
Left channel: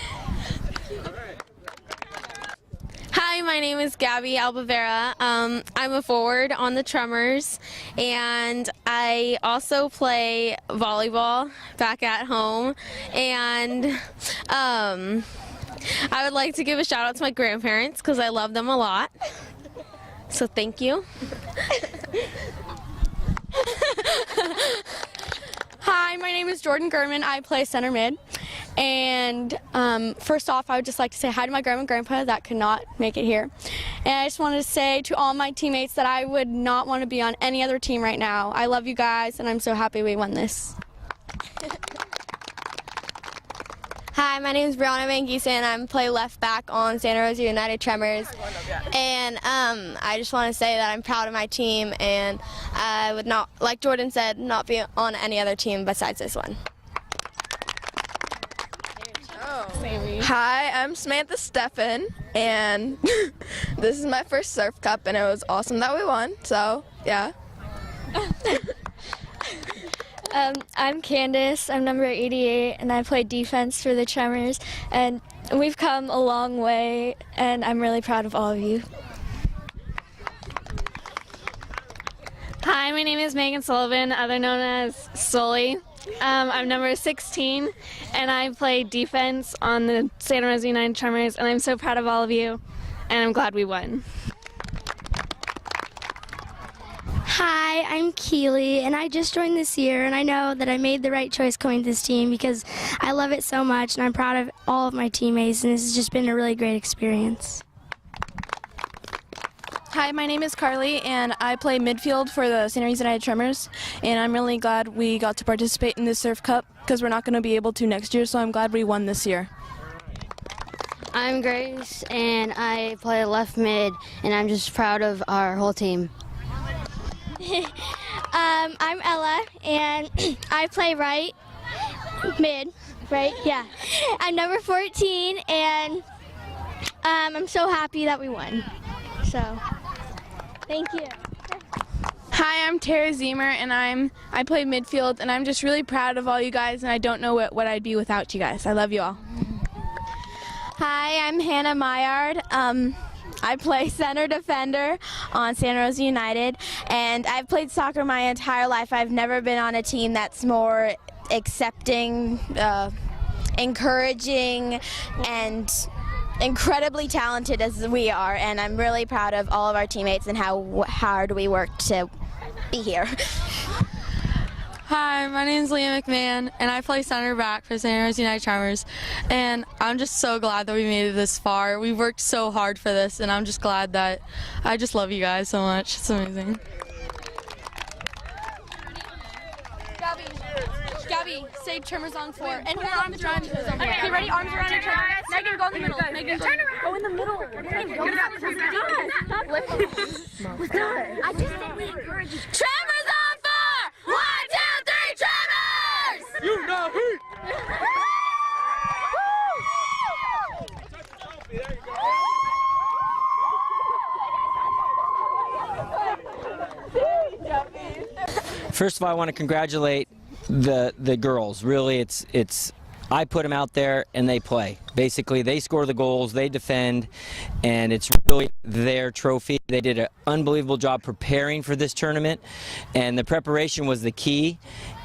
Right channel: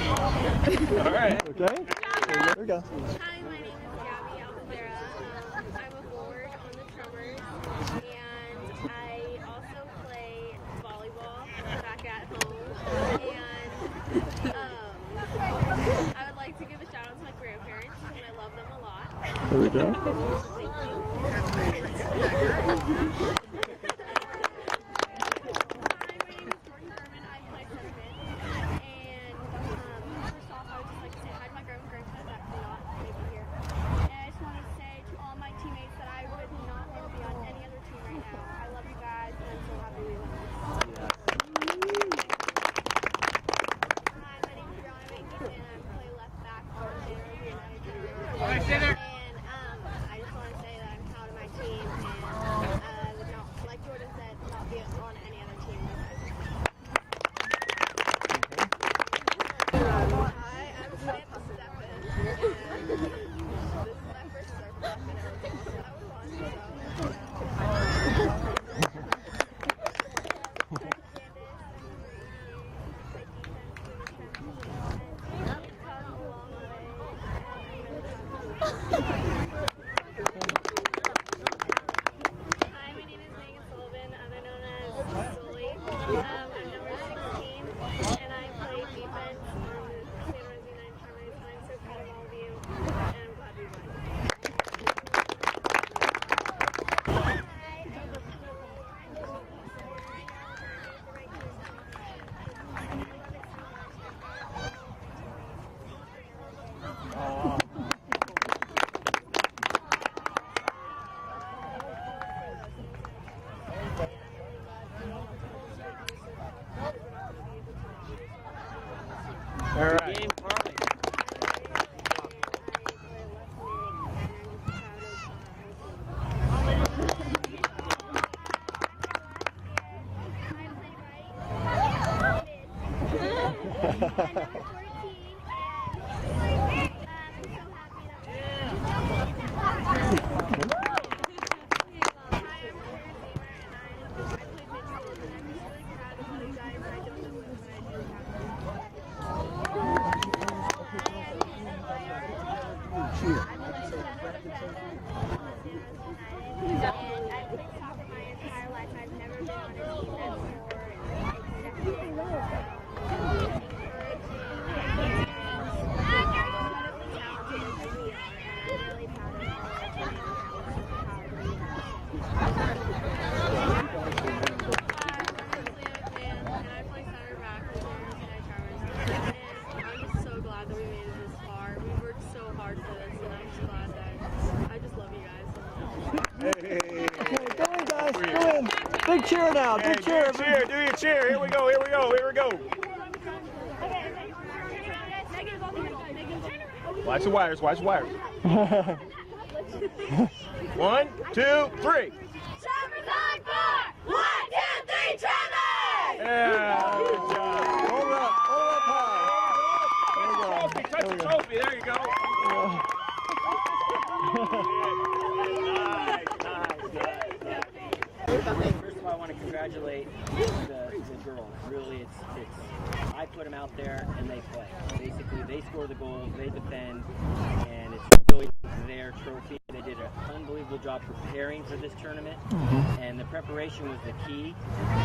All right. Okay. Here we go. Hi, my name is Gabby Albavera. I'm a forward on the Tremors, and I also play volleyball back at home. And I would like to give a shout out to my grandparents because I love them a lot. Here we go. So thank you. Hi, my name is Jordan Gurman. I play center mid. And first off, I would just like to say hi to my grandma and grandpa that could not make it here. And I just wanted to say to all my teammates that I would not want to be on any other team right now. I love you guys, and I'm so happy we won this. Hi, my name is Brianna Van Giesen, and I play left back on Santa Rosa United Tremors. And I just want to say that I'm proud of my team, and I would not, like Jordan said, not be on any other team besides this one. Hi, I'm Samantha Steffen, and this is my first Surf Cup, and it was awesome that we won, so yeah. I'm Candace, I'm number 88, and I play defense for the Tremors, and we've come a long way, and I'm really proud of all of you. Hi, my name is Megan Sullivan, other known as Sully. I'm number 16, and I play defense on the Santa Rosa United Tremors, and I'm so proud of all of you, and I'm glad we won. Hi, I'm Keely, and I just joined this year, and I know that I made the right choice going to this team because I love it so much, and I'm proud of all of my teammates, and this has just been a really great experience. Hi, my name is Carly, and I play midfield for the Santa Rosa United Tremors, and I'm really glad we got to participate in this Surf Cup because we're not going to be able to next year, so I'm glad we won this year. All right. I'm Grace, and I play left mid, and I'm just proud of our whole team. I'm Ella, and I play right mid, right? Yeah. I'm number 14, and I'm so happy that we won. So, thank you. Hi, I'm Tara Zemer, and I play midfield, and I'm just really proud of all you guys, and I don't know what I'd be without you guys. I love you all. Hi, I'm Hannah Maillard. I play center defender on Santa Rosa United, and I've played soccer my entire life. I've never been on a team that's more accepting, encouraging, and incredibly talented as we are, and I'm really proud of all of our teammates and how hard we worked to be here. Hi, my name is Leah McMahon, and I play center back for Santa Rosa United Tremors, and I'm just so glad that we made it this far. We worked so hard for this, and I'm just glad that I just love you guys so much. It's amazing. Go in, guys. Go in. Big cheer now. Big cheer. Do your cheer. Here we go. Here we go. And put your arms around each other. Okay, ready? Arms around each other. Negative, go in the middle. Negative, turn around. Go in the middle. Watch the wires. Watch the wires. 1, 2, 3. Tremors on 4! 1, 2, 3, Tremors! You know who. Touch the trophy. There you go. First of all, I want to congratulate the girls. Really, it's I put them out there and they play. Basically, they score the goals, they defend, and it's really their trophy. They did an unbelievable job preparing for this tournament, and the preparation was the key.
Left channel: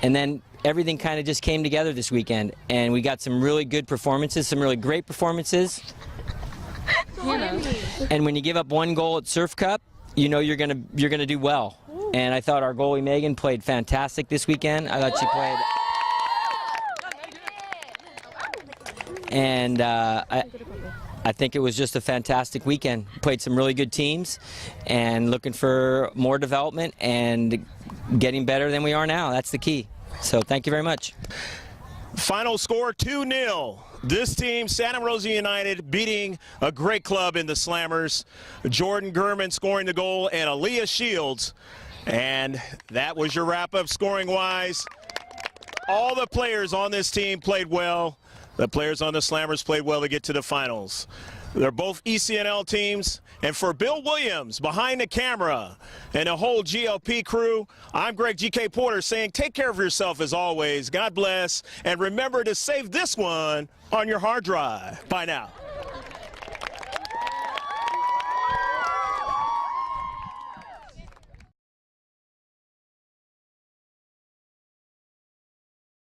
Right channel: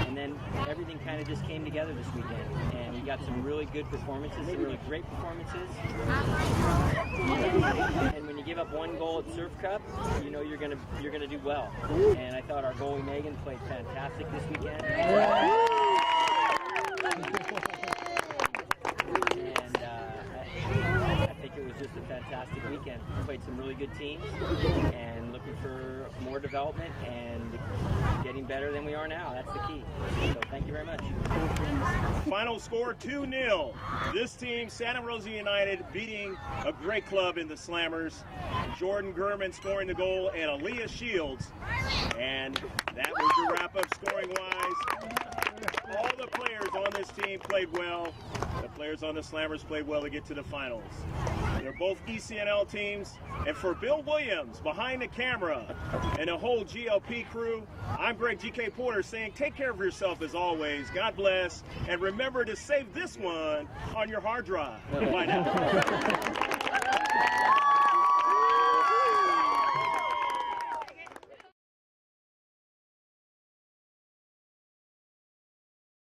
And then everything kind of just came together this weekend, and we got some really good performances, some really great performances. And when you give up 1 goal at Surf Cup, you know you're gonna do well. And I thought our goalie Megan played fantastic this weekend. I thought she played, and I think it was just a fantastic weekend. Played some really good teams, and looking for more development and getting better than we are now. That's the key. So thank you very much. Final score 2-0. This team, Santa Rosa United, beating a great club in the Slammers. Jordan Gurman scoring the goal and Aaliyah Shields. And that was your wrap-up scoring-wise. All the players on this team played well. The players on the Slammers played well to get to the finals. They're both ECNL teams. And for Bill Williams behind the camera and the whole GLP crew, I'm Greg GK Porter saying take care of yourself as always. God bless. And remember to save this one on your hard drive. Bye now.